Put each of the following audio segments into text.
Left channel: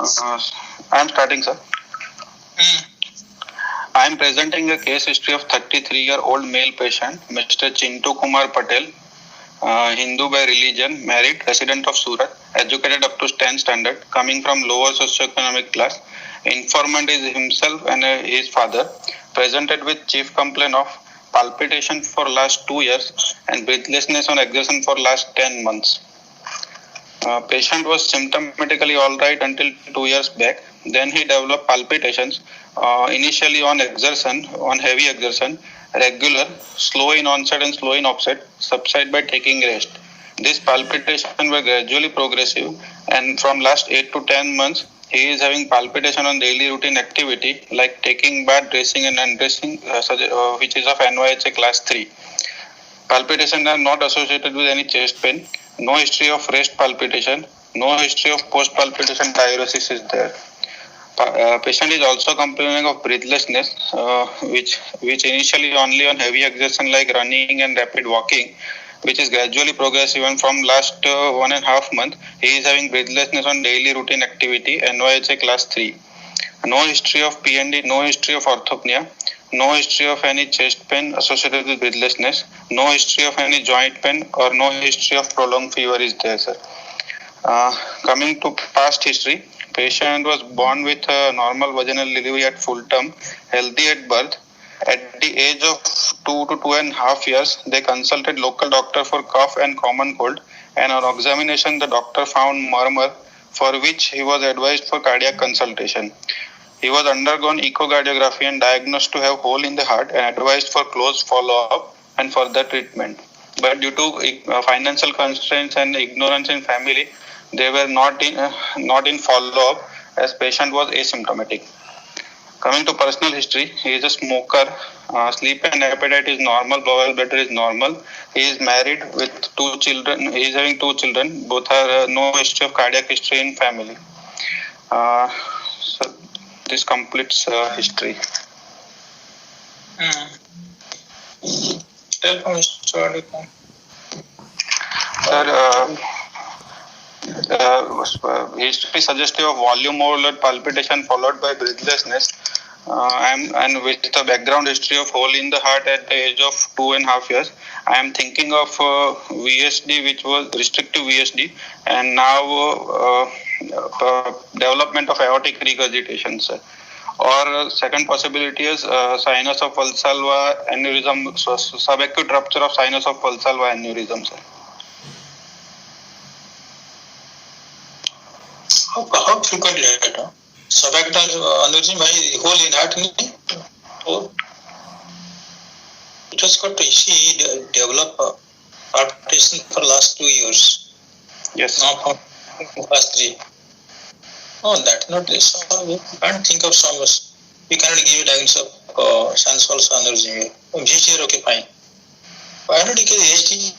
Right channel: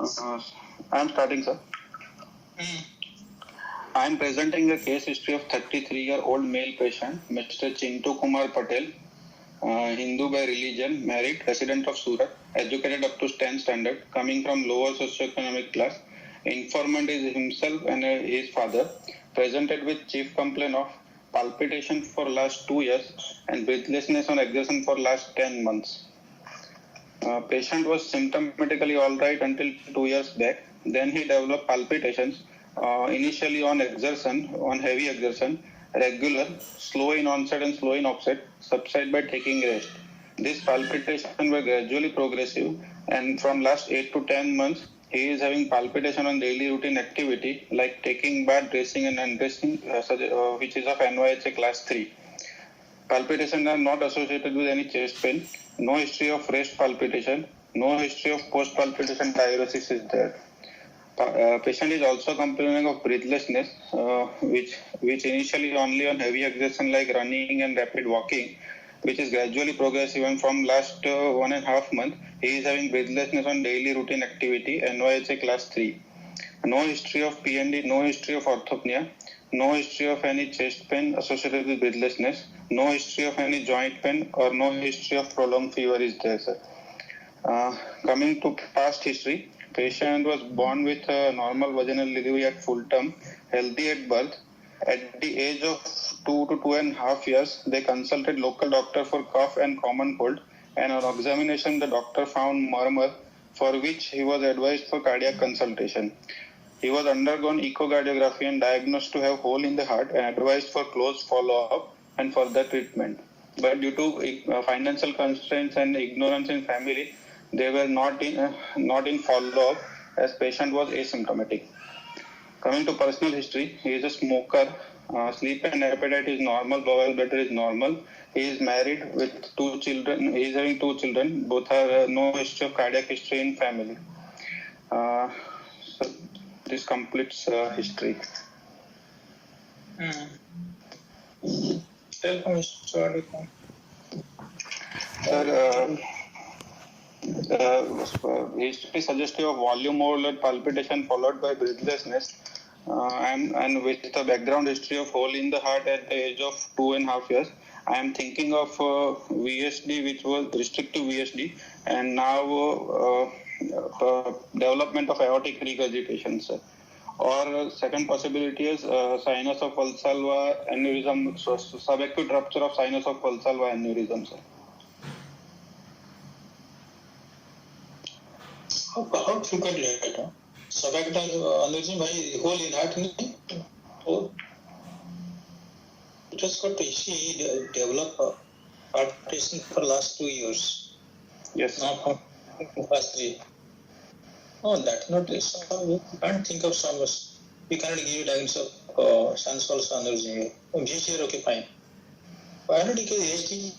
I am starting, sir. I am presenting a case history of 33-year-old male patient, Mr. Chintu Kumar Patel, Hindu by religion, married, resident of Surat, educated up to 10th standard, coming from lower socioeconomic class. Informant is himself and his father, presented with chief complaint of palpitation for last 2 years and breathlessness on exertion for last 10 months. Patient was symptomatically all right until 2 years back. Then he developed palpitations, initially on exertion, on heavy exertion, regular, slow in onset and slow in offset, subside by taking rest. These palpitations were gradually progressive, and from last 8 to 10 months, he is having palpitation on daily routine activity like taking bath, dressing and undressing, which is of NYHA class 3. Palpitations are not associated with any chest pain. No history of rest palpitation. No history of post-palpitation diuresis is there. Patient is also complaining of breathlessness, which initially only on heavy exertion like running and rapid walking, which is gradually progressive, and from last 1.5 months, he is having breathlessness on daily routine activity, NYHA class 3. No history of PND, no history of orthopnea, no history of any chest pain associated with breathlessness, no history of any joint pain, or no history of prolonged fever is there, sir. Coming to past history, patient was born with a normal vaginal delivery at full term, healthy at birth. At the age of 2 to 2.5 years, they consulted local doctor for cough and common cold, and on examination, the doctor found murmur, for which he was advised for cardiac consultation. He was undergone echocardiography and diagnosed to have hole in the heart and advised for close follow-up and further treatment. But due to financial constraints and ignorance in family, they were not in follow-up as patient was asymptomatic. Coming to personal history, he is a smoker. Sleep and appetite is normal. Bowel bladder is normal. He is married with 2 children. He is having 2 children. Both are no history of cardiac history in family. So this completes history. Tell from history. History suggestive of volume overload palpitation followed by breathlessness, and with the background history of hole in the heart at the age of 2.5 years. I am thinking of VSD, which was restrictive VSD, and now development of aortic regurgitation, sir. Or second possibility is sinus of Valsalva aneurysm, subacute rupture of sinus of Valsalva aneurysm, sir. How frequently है subacute aneurysm by hole in heart नहीं? It has got to see develop palpitation for last 2 years. Yes. Not for last 3. Oh, that's not this. We can't think of some. We cannot give a diagnosis of sinus aneurysm. VHD okay, fine. Why not give ASD?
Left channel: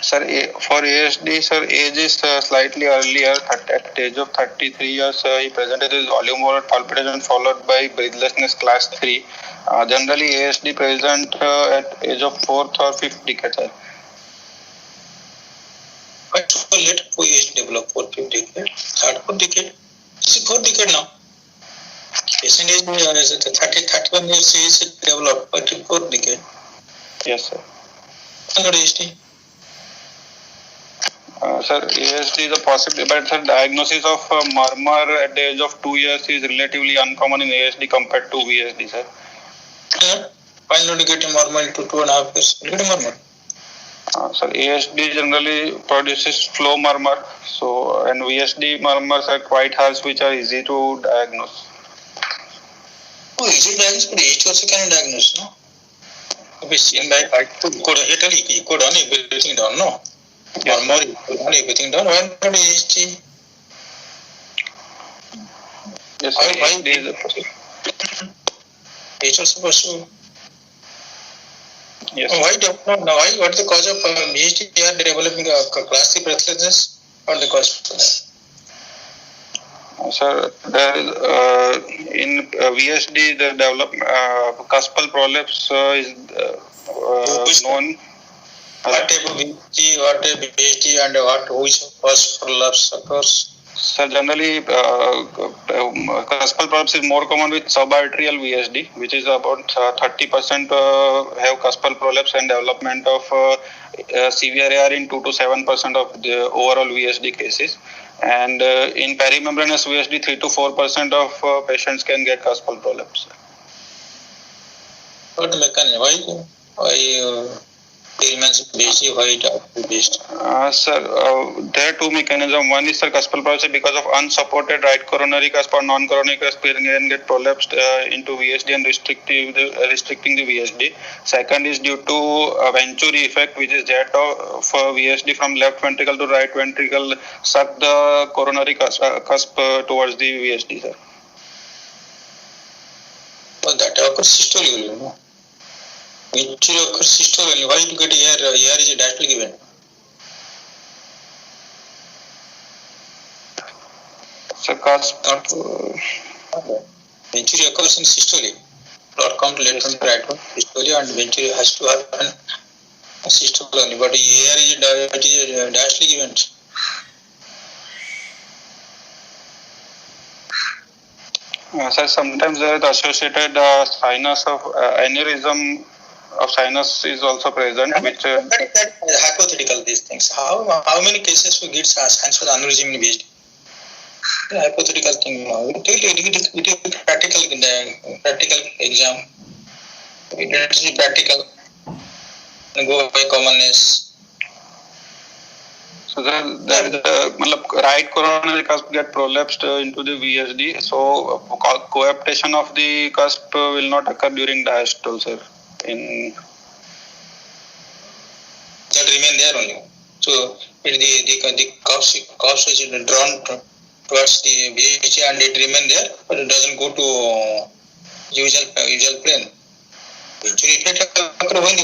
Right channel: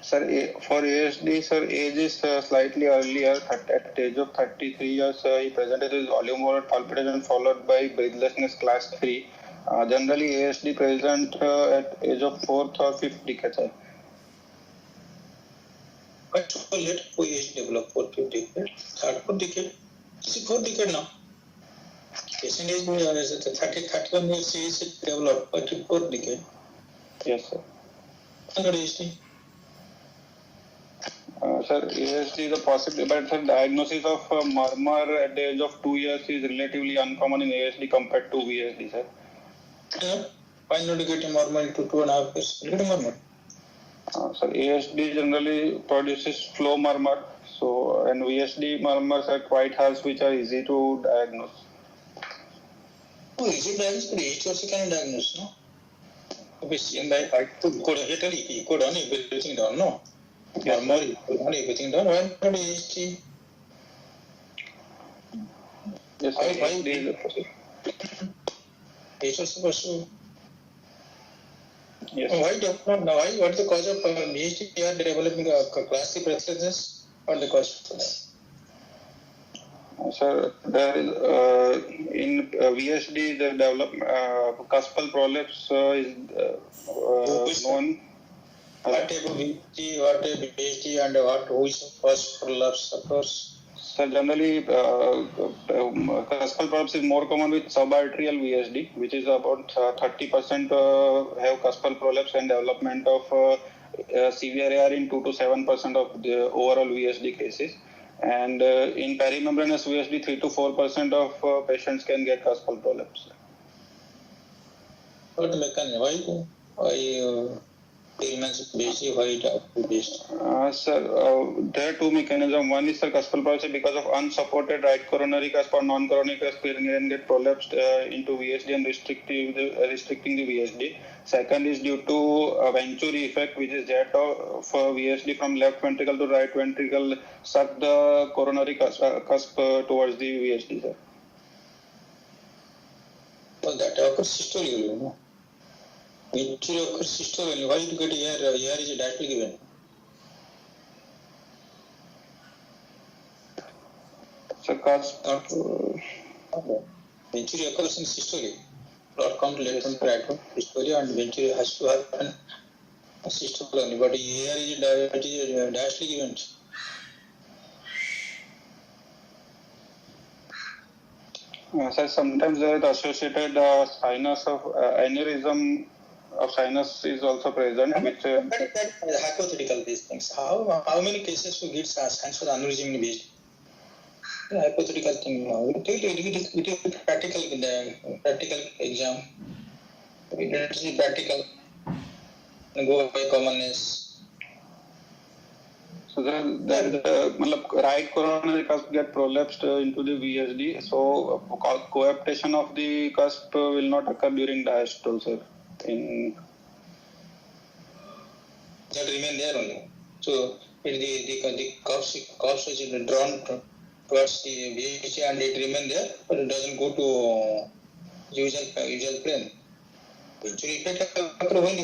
Sir, for ASD, sir, age is slightly earlier. At the age of 33 years, he presented his volume overload palpitation followed by breathlessness class 3. Generally, ASD present at age of 4th or 5th decade, sir. Why so late for ASD develop 4th, 5th decade? 3rd, 4th decade? It's 4th decade now. Patient is 31 years is developed, but 4th decade. Yes, sir. Not ASD. Sir, ASD is a possibility, but sir, diagnosis of murmur at the age of 2 years is relatively uncommon in ASD compared to VSD, sir. Why not get a murmur into 2.5 years? Get a murmur. Sir, ASD generally produces flow murmur, so and VSD murmurs are quite harsh, which are easy to diagnose. Oh, easy to diagnose, but ASD also can diagnose, no? You could on everything down, no? Yes. Murmur, everything down. Why not ASD? Yes, sir. ASD is a possibility. ASD also possible. Yes. Why don't know? Why? What is the cause of VSD? They are developing a class 3 breathlessness. What is the cause for that? Sir, there is in VSD the cuspal prolapse is known. What type of VSD, what type of VSD, and which cause prolapse occurs? So generally, cuspal prolapse is more common with subarterial VSD, which is about 30% have cuspal prolapse and development of severe AR in 2 to 7% of the overall VSD cases. And in perimembranous VSD, 3 to 4% of patients can get cuspal prolapse. What mechanism? Why remains based? Why it based? Sir, there are two mechanisms. One is, sir, cuspal prolapse because of unsupported right coronary cusp or non-coronary cusp can get prolapsed into VSD and restricting the VSD. Second is due to Venturi effect, which is that of VSD from left ventricle to right ventricle suck the coronary cusp towards the VSD, sir. But that occurs systole, you know. Venturi occurs systole. Why you get AR? AR is a diastolic event. So cusp. Venturi occurs in systole. Not come to left and right one. Systole and venturi has to happen systole only. But AR is a diastolic event. Sir, sometimes there is associated sinus of aneurysm of sinus is also present, which that hypothetical these things. How many cases we get sinus with aneurysm in VSD? Hypothetical thing. It is practical in the practical exam. It is practical. Go by commonness. So there is a right coronary cusp get prolapsed into the VSD. So coaptation of the cusp will not occur during diastole, sir. In that remain there only. So the cups is drawn towards the VSD and it remain there, but it doesn't go to usual plane. Venturi effect occur when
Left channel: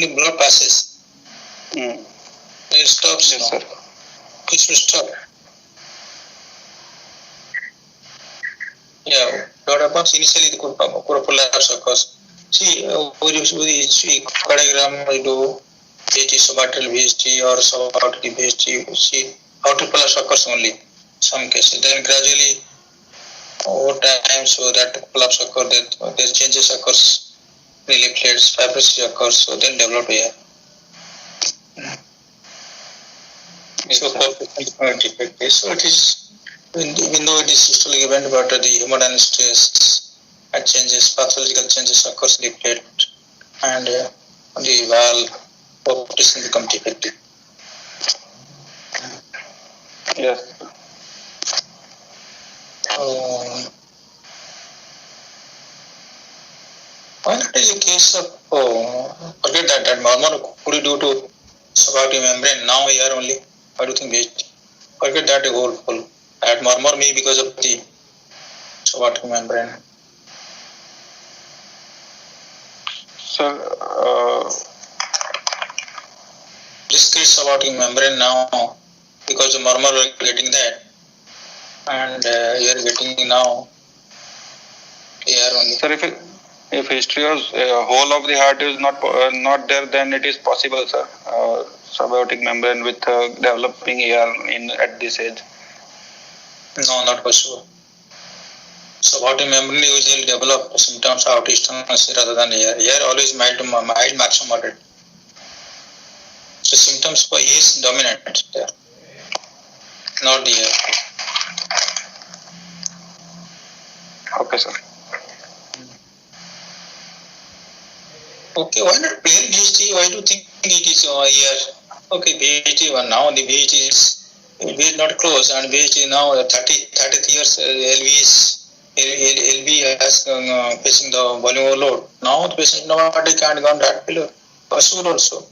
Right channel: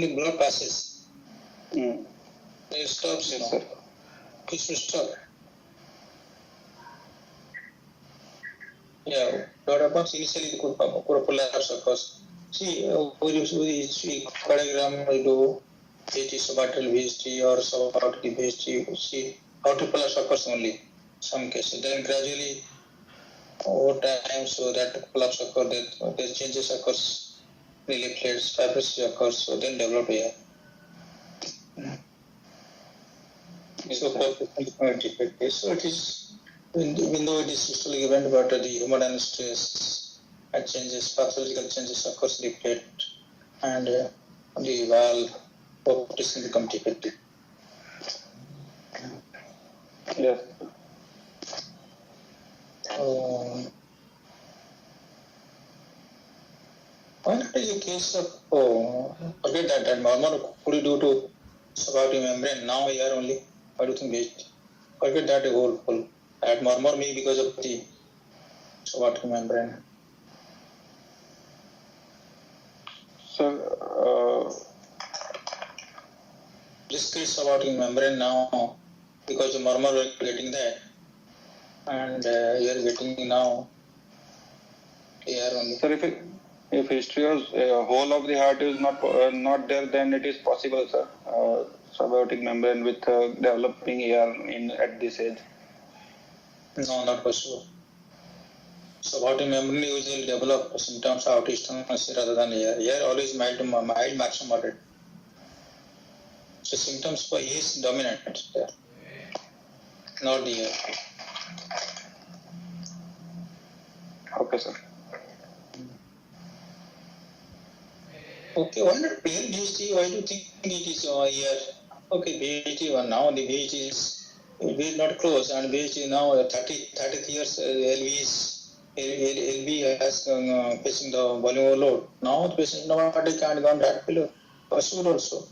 the blood passes. It stops. Yes, sir. It will stop. Yeah, what happens initially the prolapse occurs. See, with the cardiogram we do VSD, subarterial VSD or subarterial VSD. See, outer prolapse occurs only some cases. Then gradually over time, so that prolapse occurs, that the changes occurs, platelets, fibrosis occurs, so then develop here. So it is, even though it is systolic event, but the hemodynamic and changes, pathological changes occurs in the plate and the valve population become defective. Yes. Why not is a case of forget that normal could you do to subarachnoid membrane now here only? Why do you think waste? Forget that the whole at murmur may because of the subarachnoid membrane. Sir, Discrete subarachnoid membrane now because the murmur are getting that and you are getting now here only. Sir, if history of whole of the heart is not there, then it is possible, sir. Subaortic membrane with developing AR at this age. No, not possible. Subaortic membrane usually develop symptoms of aortic rather than AR. AR always mild, maximum moderate. So symptoms for A is dominant there, not the AR. Okay, sir. Okay, why not plain VSD? Why do you think it is here? Okay, VSD one now the VSD is not close and VSD now 30 years LV has facing the volume overload. Now the patient nobody can't go on heart failure. Possible also.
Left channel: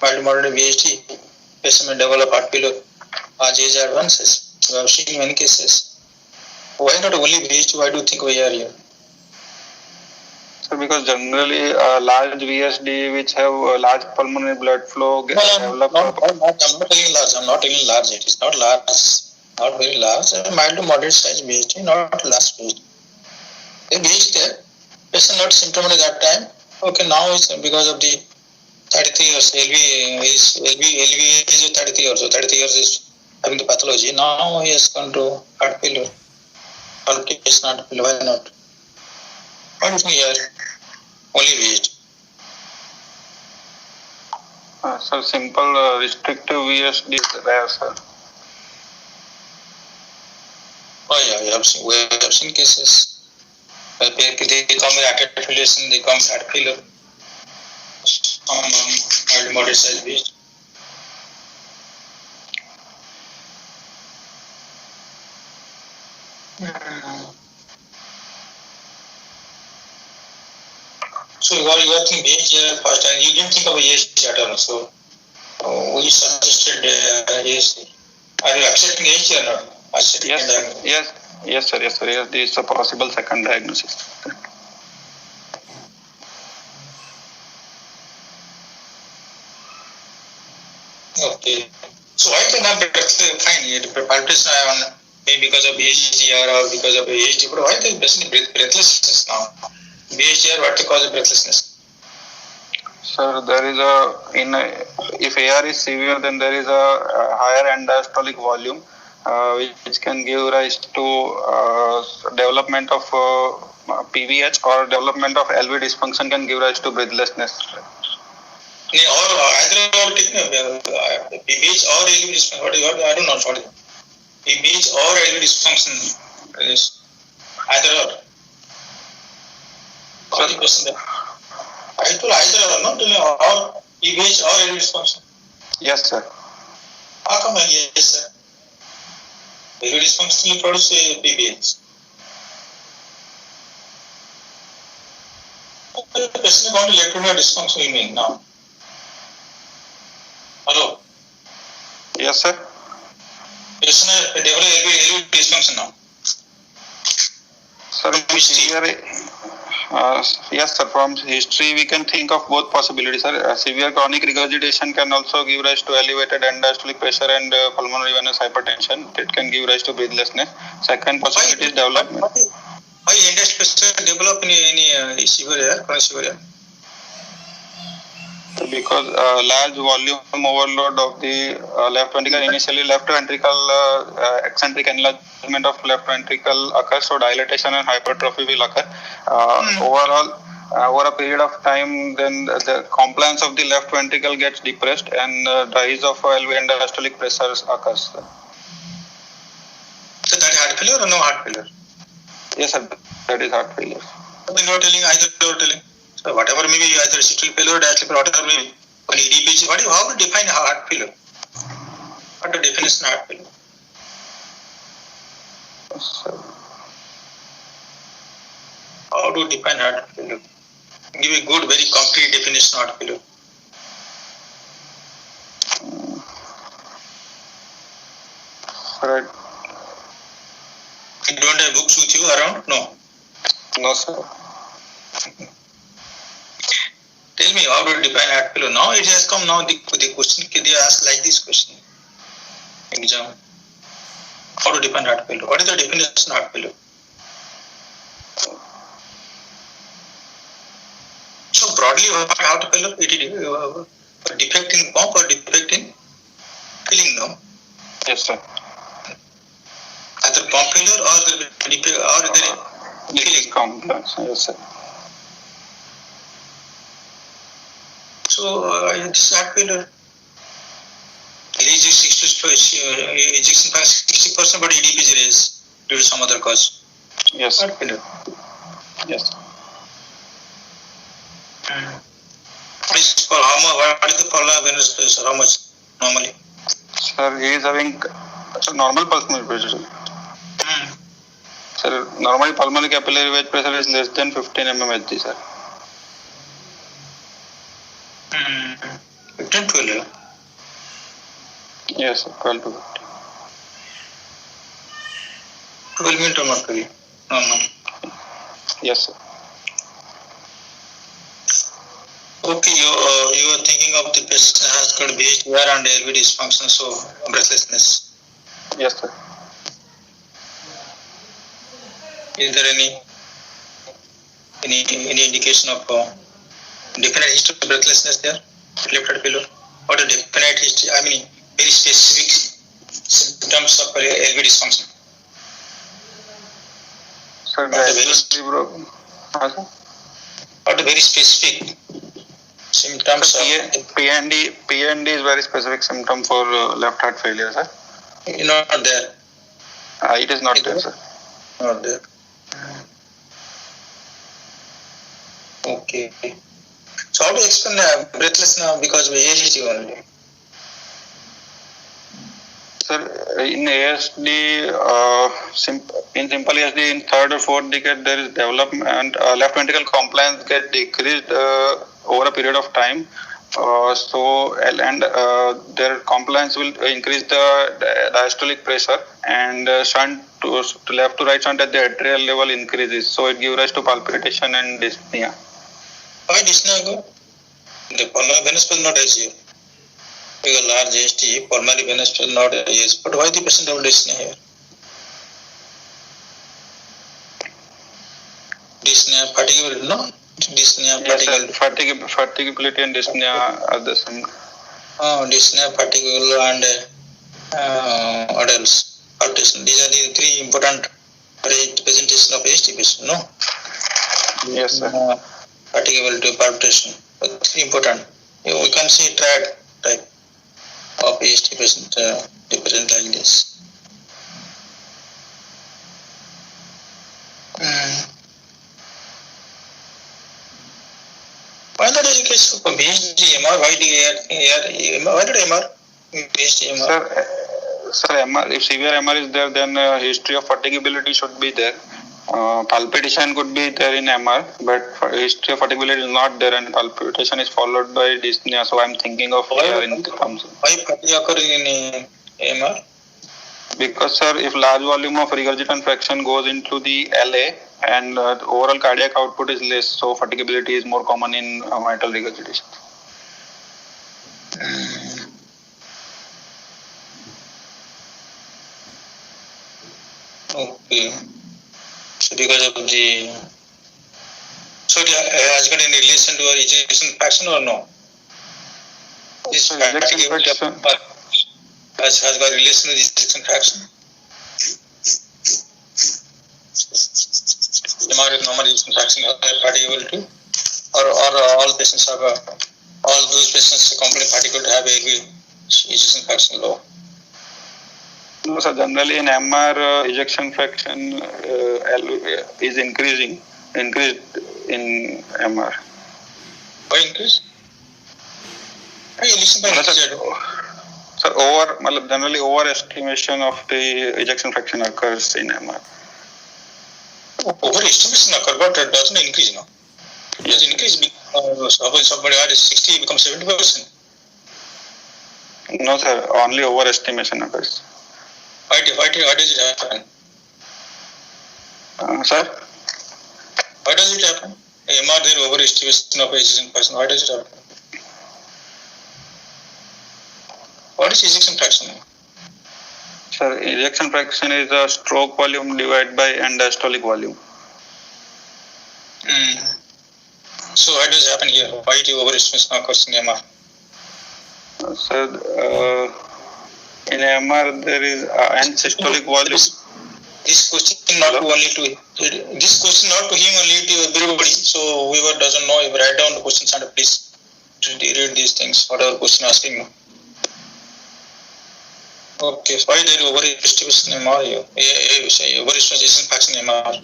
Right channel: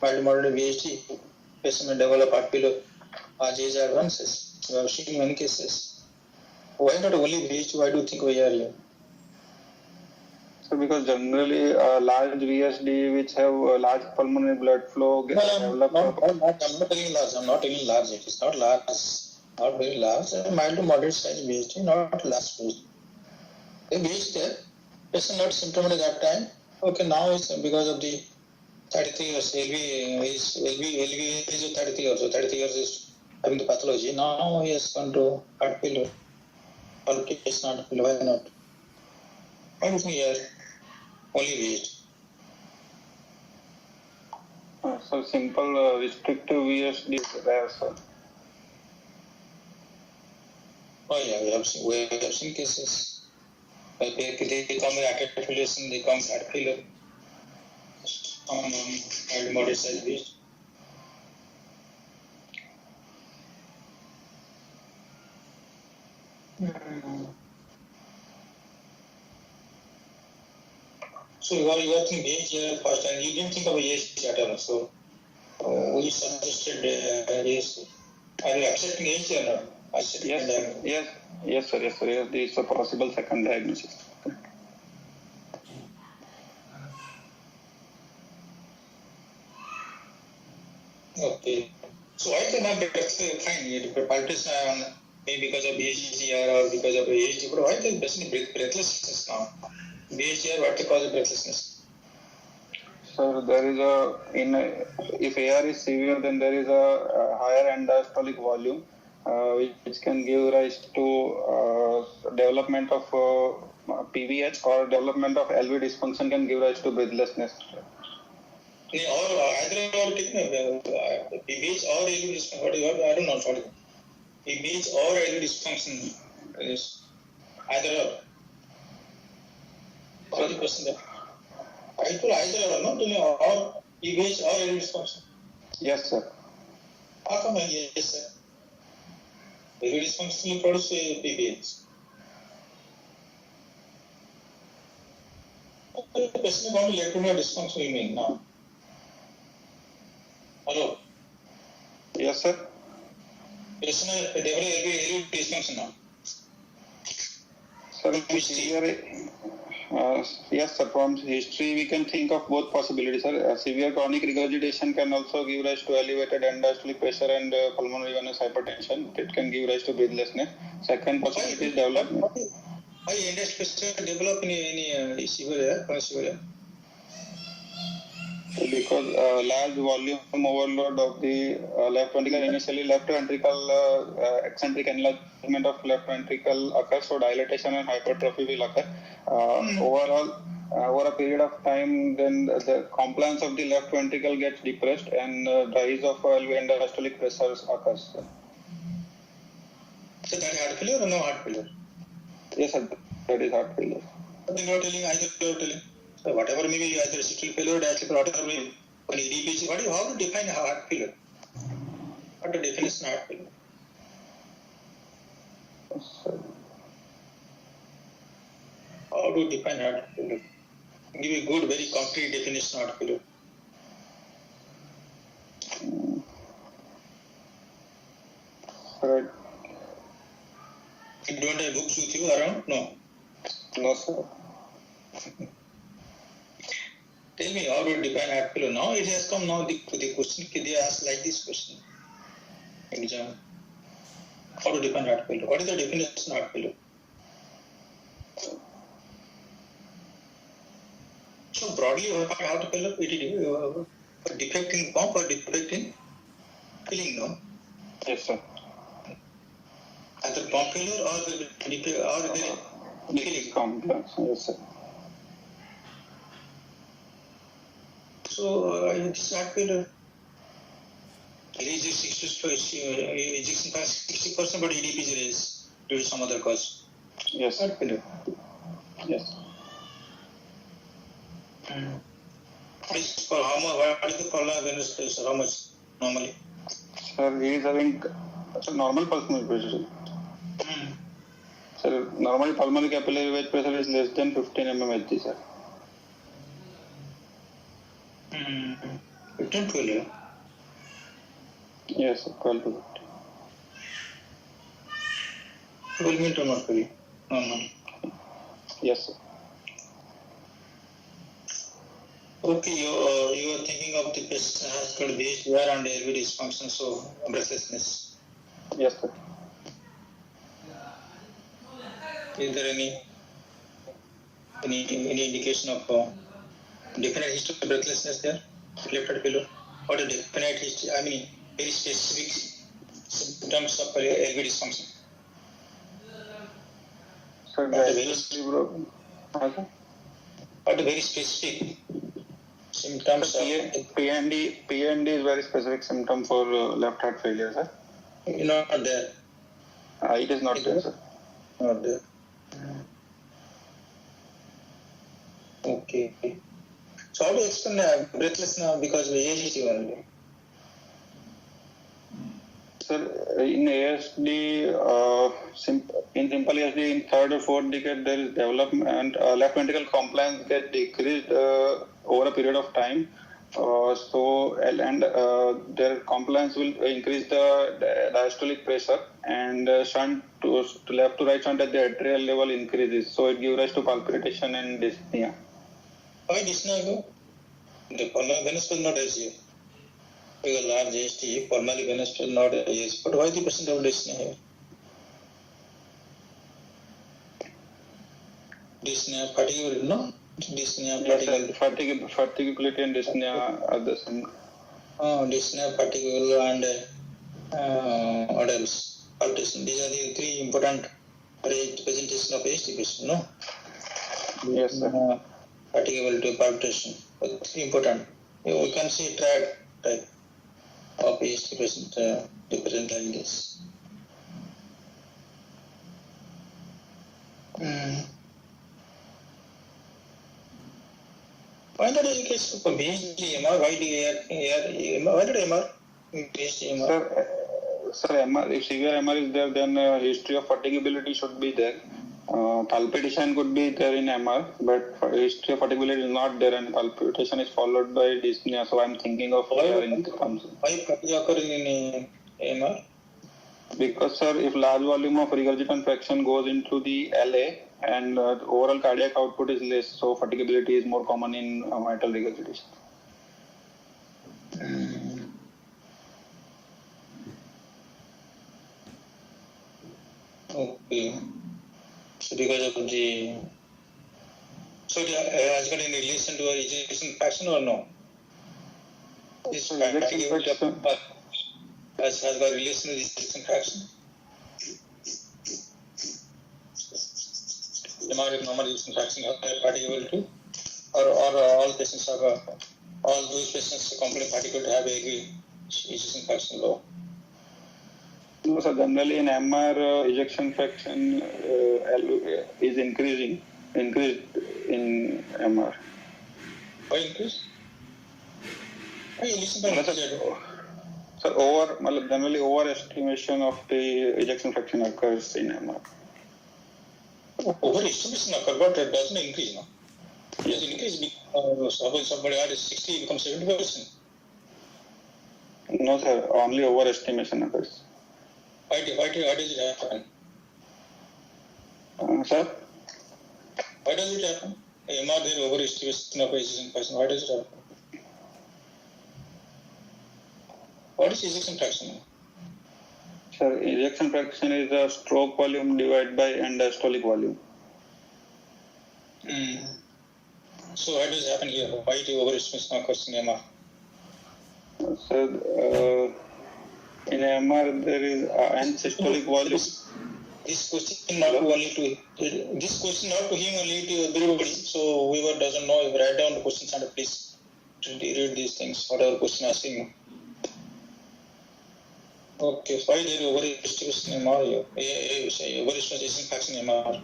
Mild moderate VSD patient may develop heart failure as age advances. We have seen many cases. Why not only VSD? Why do you think we are here? Because generally large VSD which have large pulmonary blood flow develop. I'm not telling large. It is not large, not very large. Mild to moderate size VSD, not large VSD. The VSD, patient not symptomatic at that time. Okay, now it's because of the 33 years. LV is 33 years. So 33 years is having the pathology. Now he has gone to heart failure. Palpitation, heart failure. Why not? Why do you think here? Only VHD. Sir, simple restrictive VSD is rare, sir. Oh yeah, we have seen cases. They come with atrial fibrillation, they come with heart failure. Some moderate size VHD. So you are thinking VHD first, and you didn't think of VHD at all. So we suggested VHD. Are you accepting VHD or not? Yes, sir. Yes, this is a possible second diagnosis. Okay. So why can I fine palpitation on maybe because of VHD or because of VHD, but why the patient breathlessness now? VHD or what the cause of breathlessness? Sir, there is if AR is severe, then there is a higher end diastolic volume, which can give rise to development of PVH, or development of LV dysfunction can give rise to breathlessness. Or either PVH or LV dysfunction. I don't know what is PVH or LV dysfunction is either or. What is the question there? I told either or, not telling or PVH or LV dysfunction. Yes, sir. How come yes, sir? LV dysfunction will produce PVH. The patient is going to electrolyte dysfunction, you mean now? Hello? Yes, sir. Patient develop LV dysfunction now. Sir, yes, sir. From history, we can think of both possibilities, sir. Severe chronic regurgitation can also give rise to elevated end diastolic pressure and pulmonary venous hypertension. It can give rise to breathlessness. Second possibility is development. Why end diastolic pressure develop in any severe chronic severe? Because large volume overload of the left ventricle, initially left ventricle eccentric enlargement of left ventricle occurs, so dilatation and hypertrophy will occur. Overall, over a period of time, then the compliance of the left ventricle gets depressed and rise of LV and diastolic pressures occurs. So that is heart failure or no heart failure? Yes, sir, that is heart failure. You're not telling either. You're telling. So whatever may be either systolic failure or diastolic failure, whatever may be, when EDPG, how to define heart failure? What the definition of heart failure? So, how to define heart failure? Give a good, very concrete definition of heart failure. right. You don't have books with you around? No. No, sir. Tell me how to define heart failure. Now it has come. Now the question they ask like this question. Exam. How to define heart failure? What is the definition of heart failure? So broadly, heart failure, it is defect in pump or defect in filling, no? Yes, sir. Either pump failure or the defect or the filling. Complex. Yes, sir. So this is heart failure. Ejection 60%, but EDPG is due to some other cause. Yes. Heart failure. Yes. What is the pulmonary venous pressure? How much normally? Sir, he is having normal pulmonary pressure. Sir, normally pulmonary capillary wedge pressure is less than 15 mmHg, sir. 15, 12. Yes, sir, 12 to 15. 12 means mercury. Normal. Yes, sir. Okay, you are thinking of the patient has got VHDR and LV dysfunction, so breathlessness. Yes, sir. Is there any indication of definite history of breathlessness there? Left heart failure? What a definite history? I mean, very specific symptoms of LV dysfunction. Sir, gradually broken. What very specific symptoms of PND is very specific symptom for left heart failure, sir. Not there. It is not there, sir. Not there. Okay. So how to explain breathlessness because of ASD only? Sir, in ASD, in simple ASD, in third or fourth decade, there is development, left ventricle compliance get decreased over a period of time. Their compliance will increase the diastolic pressure, and shunt to left to right shunt at the atrial level increases. So it gives rise to palpitation and dyspnea. Why dyspnea? The pulmonary venous is not ASD. Because large ASD, pulmonary venous is not ASD. But why the patient have dyspnea here? Dyspnea, fatigue, no? Dyspnea, fatigue. Yes, fatigability and dyspnea are the same. Dyspnea, fatigue, and what else? Palpitation. These are the three important presentation of ASD patient, no? Yes, sir. Fatigability, palpitation. Three important. We can see triad type of ASD patient represent like this. Why not in case of BHD-MR? Why did MR? BHD-MR? Sir, MR, if severe MR is there, then history of fatigability should be there. Palpitation could be there in MR, but history of fatigability is not there, and palpitation is followed by dyspnea. So I'm thinking of here in terms. Why fatigue occurring in MR? Because, sir, if large volume of regurgitant fraction goes into the LA, and overall cardiac output is less, so fatigability is more common in mitral regurgitation. Okay. So because of the... So has got any relation to ejection fraction or no? This ejection fraction has got relation to ejection fraction? MR with normal ejection fraction fatigability, or all patients have all those patients complete fatigability have a ejection fraction low? No, sir. Generally, in MR, ejection fraction is increased in MR. Why increase? Sir, generally overestimation of the ejection fraction occurs in MR. Overestimation occurs, but it doesn't increase, no? It doesn't increase because somebody had 60 becomes 70%. No, sir. Only overestimation occurs. Why does it happen? Sir? Why does it happen? MR there overestimation of ejection fraction. Why does it happen? What is ejection fraction? Sir, ejection fraction is a stroke volume divided by end diastolic volume. So why does it happen here? Why the overestimation occurs in MR? Sir, in MR there is end systolic volume. This question not to him, only to everybody. So whoever doesn't know, write down the questions and please read these things. Whatever question asking you. Okay, so why there is overestimation in MR? Overestimation fraction in MR.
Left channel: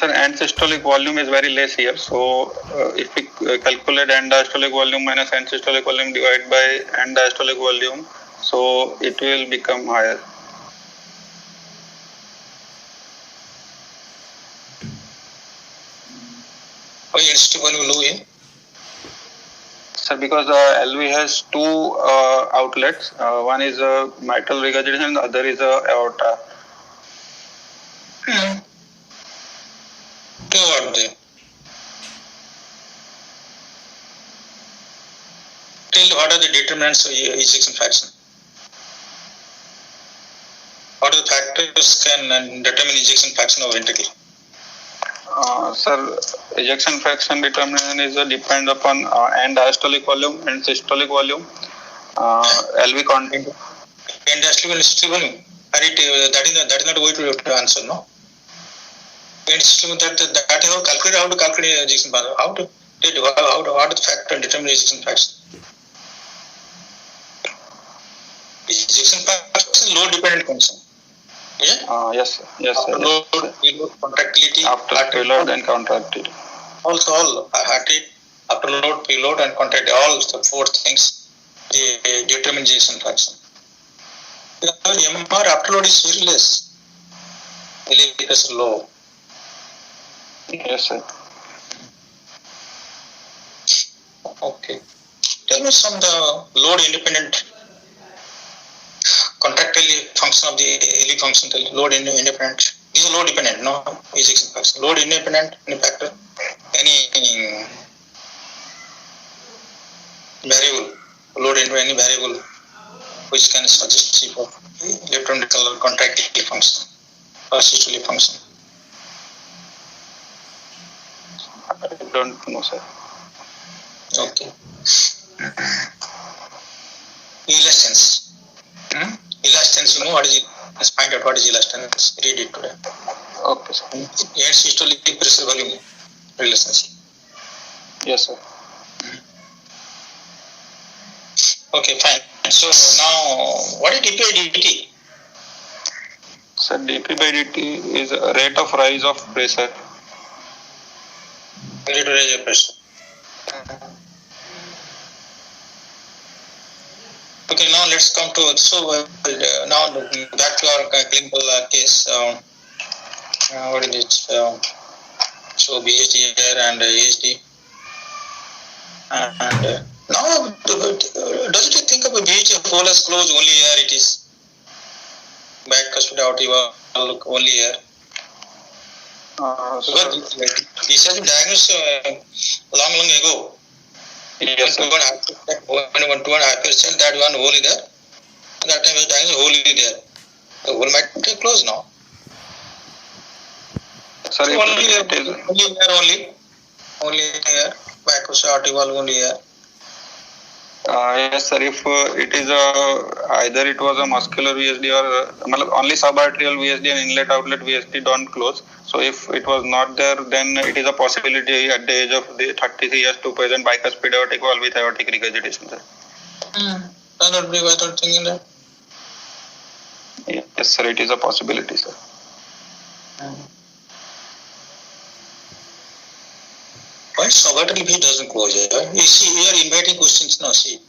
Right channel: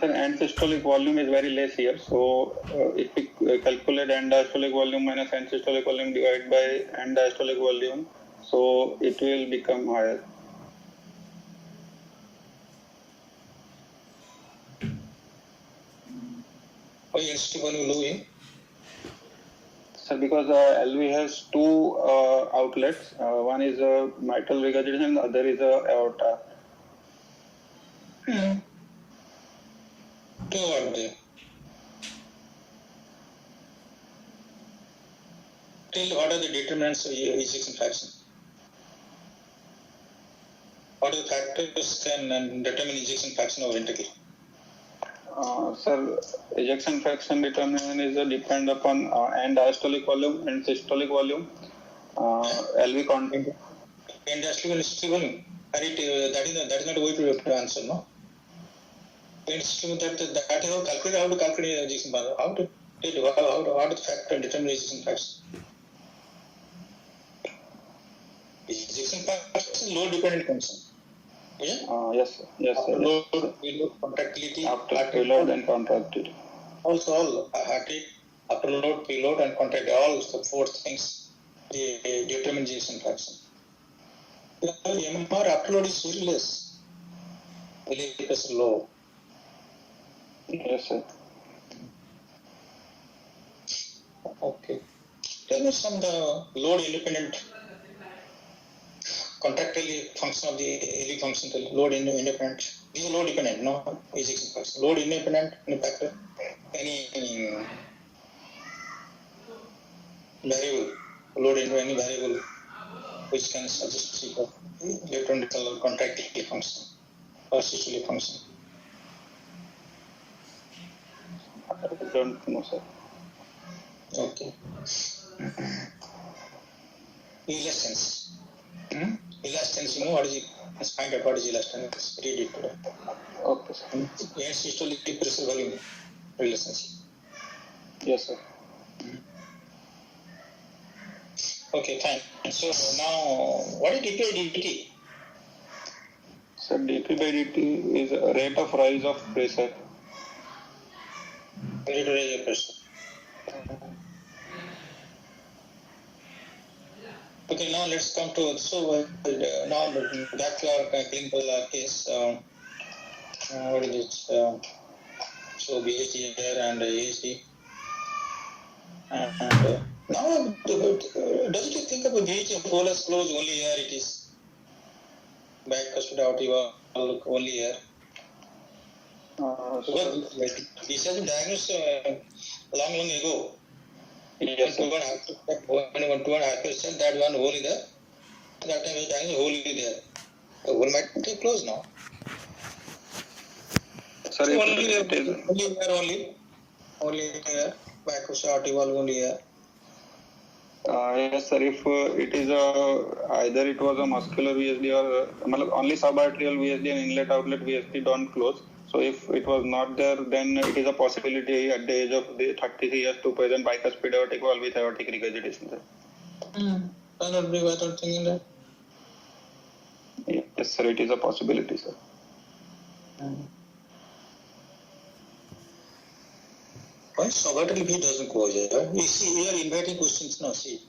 Sir, end systolic volume is very less here. So if we calculate end diastolic volume minus end systolic volume divided by end diastolic volume, so it will become higher. Why end systolic volume low here? Sir, because LV has two outlets. One is mitral regurgitation and the other is aorta. Two are there. Tell what are the determinants of ejection fraction? What are the factors can determine ejection fraction of ventricle? Sir, ejection fraction determination is depend upon end diastolic volume and systolic volume, LV content. pain diastolic and systolic volume. That is not a way to answer, no. Pain systolic that is how to calculate ejection fraction. How to what is the factor determine ejection fraction? Ejection fraction is load dependent function. Yeah? Yes, sir. Yes, sir. After load, contractility. After preload and contractility. Also, all heart rate, after load, preload, and contractility, all the four things they determine ejection fraction. MR after load is very less. LV is low. Yes, sir. Okay. Tell me some the load independent contractile function of the LV function. Load independent. These are load dependent, no ejection fraction. Load independent, any factor, any variable, load into any variable which can suggest for electrochemical contractile function or systolic function. I don't know, sir. Okay. Elastance. Elastance, you know what is it? Let's find out what is elastance. Read it today. Okay, sir. And systolic pressure volume relationship. Yes, sir. Okay, fine. So now, what is dP by dt? Sir, dP by dt is a rate of rise of pressure. Rate of rise of pressure. Okay, now let's come to now back to our clinical case. What is it? So BHD here and AHD. And now, doesn't you think of a BHD hole as closed only here it is? Bicuspid aortic valve only here. Because this has been diagnosed long ago. Yes, sir. When you want to hypercell, that one hole is there. That time was diagnosed hole is there. The hole might be closed now. Sir, So if only it is, only here. Bicuspid aortic valve only here. yes, sir. If it is either it was a muscular VSD or only subarterial VSD and inlet outlet VSD don't close. So if it was not there, then it is a possibility at the age of 33 years to present bicuspid aortic valve with aortic regurgitation, sir. I don't believe without thinking that. Yes, sir. It is a possibility, sir. Why subarterial VSD doesn't close? You see, we are inviting questions now. See,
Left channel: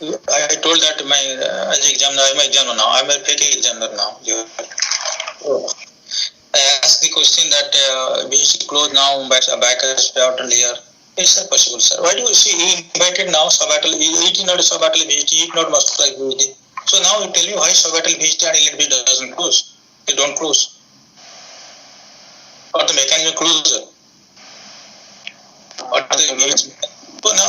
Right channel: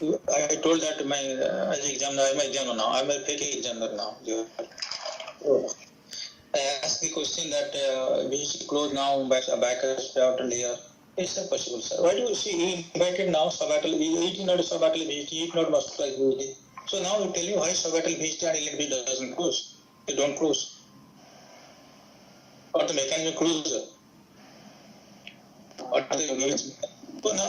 I told that as examiner, I'm an examiner now. I'm a fake examiner now. I asked the question that VSD close now by bicuspid aortal here. Is that possible, sir? Why do you see he invited now subarterial? It is not a subarterial VSD, it is not muscular VSD. So now you tell me why subarterial VSD and inlet VSD doesn't close? They don't close. Or the mechanism closure. Or the so now,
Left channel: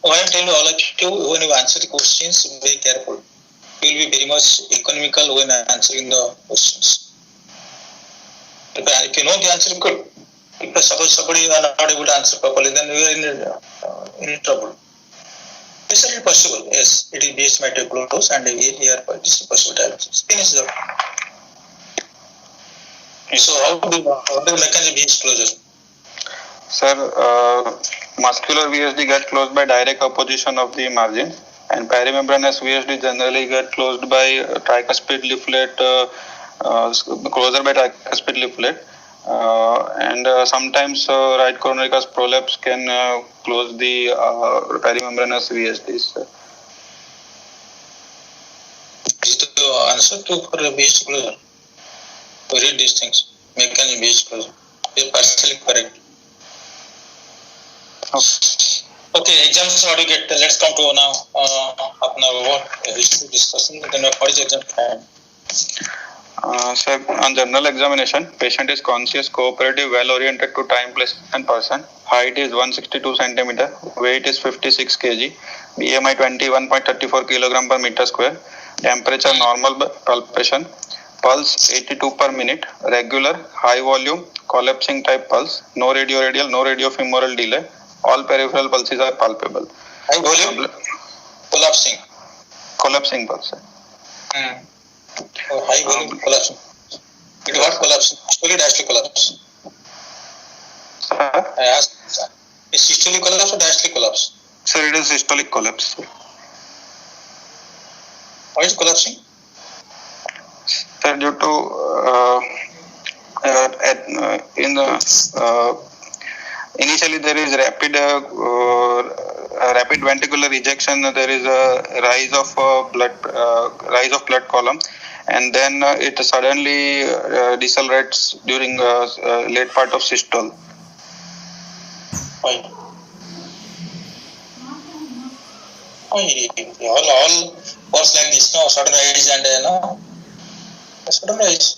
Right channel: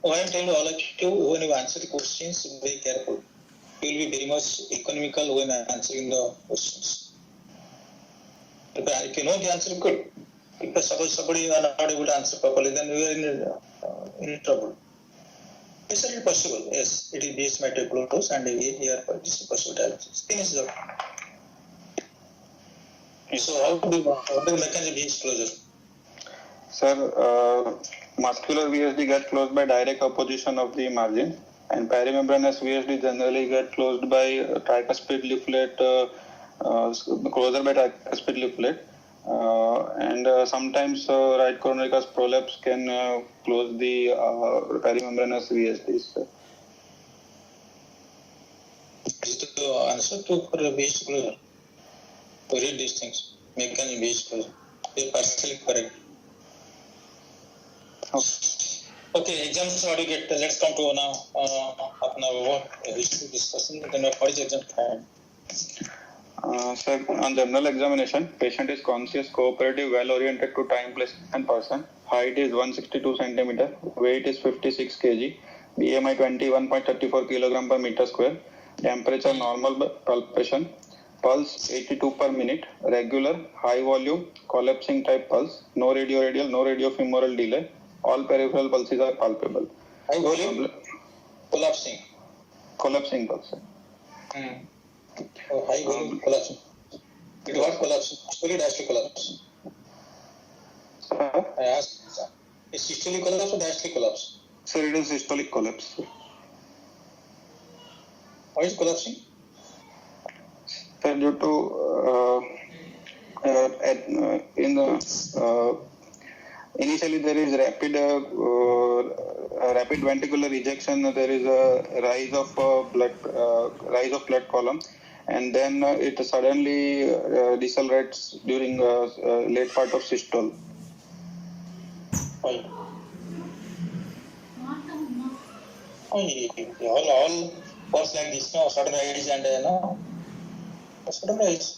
why I'm telling all of you, when you answer the questions, be very careful. You will be very much economical when answering the questions. If you know the answer, good. If suppose somebody is not able to answer properly, then we are in trouble. Is it possible? Yes, it is based might close and here this is possible diagnosis. Finish up. So how do the mechanism is closure? Sir, muscular VSD get closed by direct opposition of the margin, and perimembranous VSD generally get closed by tricuspid leaflet, closure by tricuspid leaflet, and sometimes right coronary prolapse can close the perimembranous VSDs. Is the answer to for VSD closure? Read these things. Mechanism VSD closure. They are partially correct. Okay, exams how to get. Let's come to now. History discussion. Then what is exam plan? Sir, on general examination, patient is conscious, cooperative, well-oriented to time, place, and person. Height is 162 centimeter. Weight is 56 kg. BMI 21.34 kilogram per meter square. Temperature normal palpation. Pulse 82 per minute. Regular, high volume, collapsing type pulse. No radioradial, no radiofemoral delay. All peripheral pulses are palpable. High volume, collapsing. collapsing pulse, sir. High volume collapse. It got collapse. Systolic diastolic collapse. Sir? I asked, is systolic collapse or diastolic collapse? Sir, it is systolic collapse. Why is collapsing? Sir, due to initially there is rapid ventricular ejection. There is a rise of blood column, and then it suddenly decelerates during late part of systole. Why? All works like this, no? Sudden rise and no? Sudden rise.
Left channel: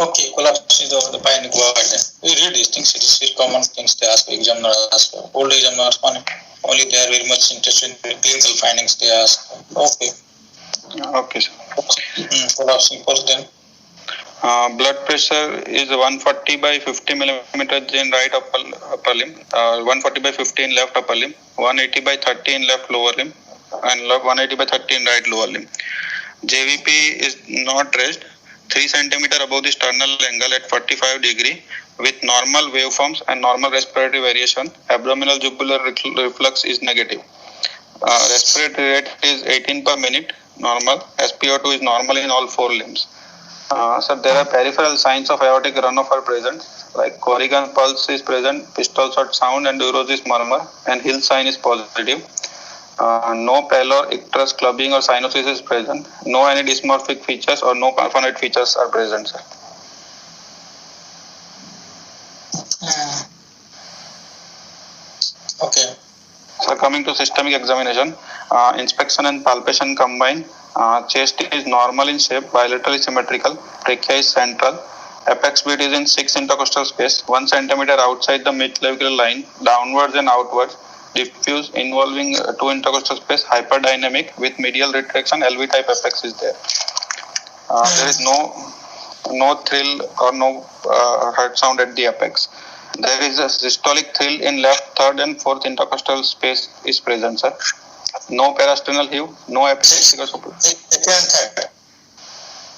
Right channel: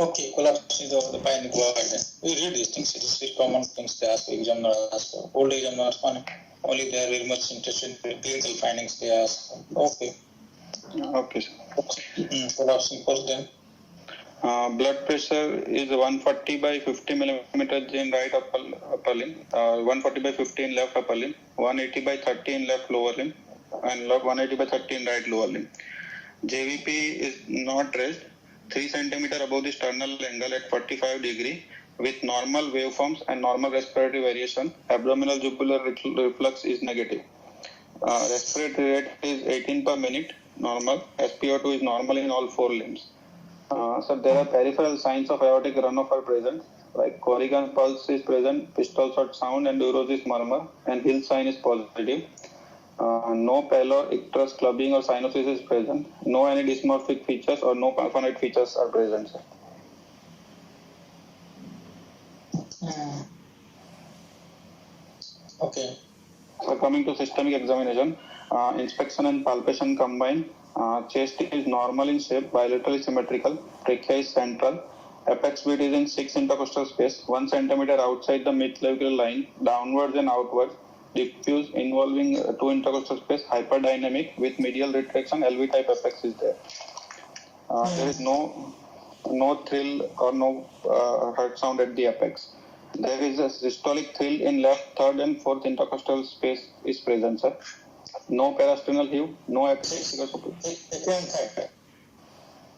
Okay, collapse is the fine. Go ahead. We read these things. It is common things they ask examiner. Old examiners only they are very much interested in clinical findings. They ask. Okay. Okay, sir. Collapsing first then. Blood pressure is 140 by 50 millimeters in right upper limb, 140 by 50 in left upper limb, 180 by 30 in left lower limb, and 180 by 30 in right lower limb. JVP is not raised 3 centimeter above the sternal angle at 45 degree with normal waveforms and normal respiratory variation. Abdominal jugular reflux is negative. Respiratory rate is 18 per minute, normal. SpO2 is normal in all 4 limbs. So there are peripheral signs of aortic runoff are present, like Corrigan pulse is present, pistol shot sound and Durosis murmur, and Hill sign is positive. No pallor, icterus, clubbing or cyanosis is present. No any dysmorphic features or no paraphonoid features are present, sir. Okay. So coming to systemic examination, inspection and palpation combined. Chest is normal in shape, bilaterally symmetrical. Trachea is central. Apex beat is in 6 intercostal space, 1 centimeter outside the midclavicular line, downwards and outwards. Diffuse involving 2 intercostal space, hyperdynamic with medial retraction. LV type apex is there. There is no thrill or no heart sound at the apex. There is a systolic thrill in left, third and fourth intercostal space is present, sir. No parasternal heave, no epileptical support. Second and third.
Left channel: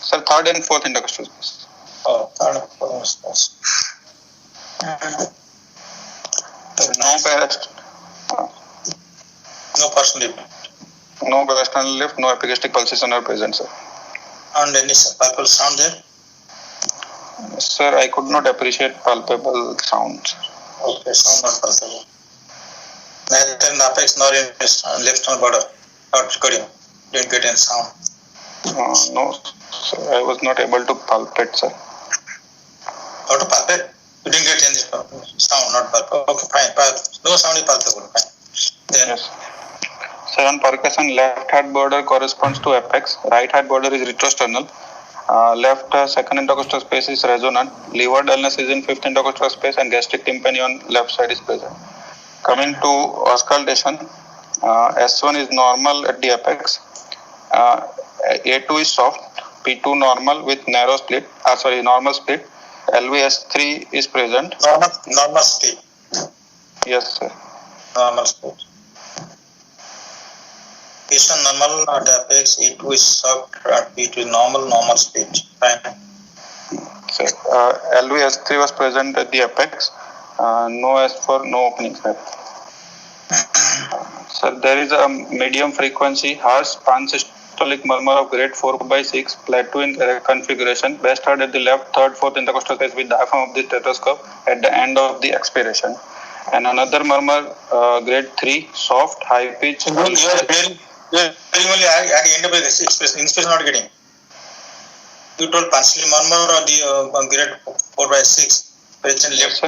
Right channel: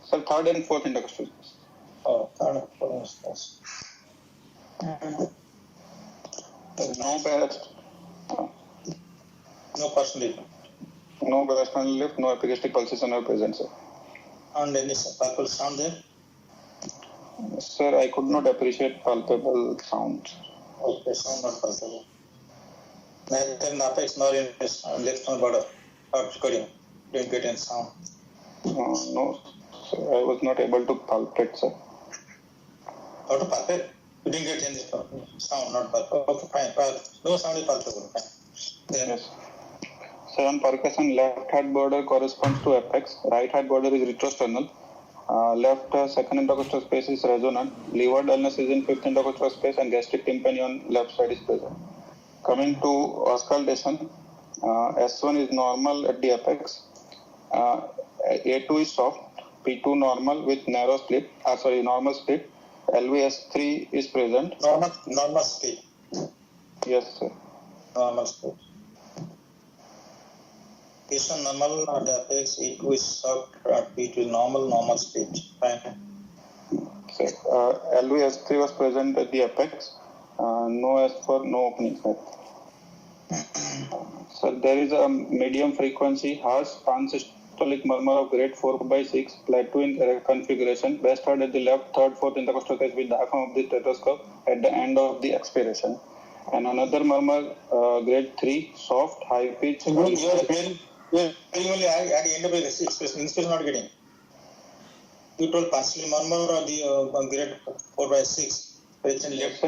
Sir, third and fourth intercostal space. Oh, third and fourth space. No personal lift. No parasternal lift, no epigastric pulsation are present, sir. And any palpable sound there? Sir, I could not appreciate palpable sounds. Okay, sound not palpable. Neither in the apex nor in left nor border. Not cutting. Didn't get any sound. No, sir, I was not able to palpate, sir. How to palpate? You didn't get any sound, not palpable. Okay, fine. No sound is palpable. Fine. Then. Yes. Sir, on percussion, left heart border corresponds to apex. Right heart border is retrosternal. Left second intercostal space is resonant. Liver dullness is in fifth intercostal space and gastric tympani on left side is present. Coming to auscultation, S1 is normal at the apex. A2 is soft. P2 normal with narrow split. Normal split. LVS3 is present. Normal split. Yes, sir. Normal split. P1 normal at apex, E2 is soft, P2 is normal split. Fine. Sir, LVS3 was present at the apex. No S4, no opening, sir. Sir, there is a medium frequency, harsh pansystolic murmur of grade 4/6, plateau in configuration, best heard at the left, third, fourth intercostal space with diaphragm of the stethoscope at the end of the expiration. And another murmur, grade 3, soft, high pitch. You are only at the end of the inspiration not getting. You told pansystolic murmur or the grade 4/6. Present left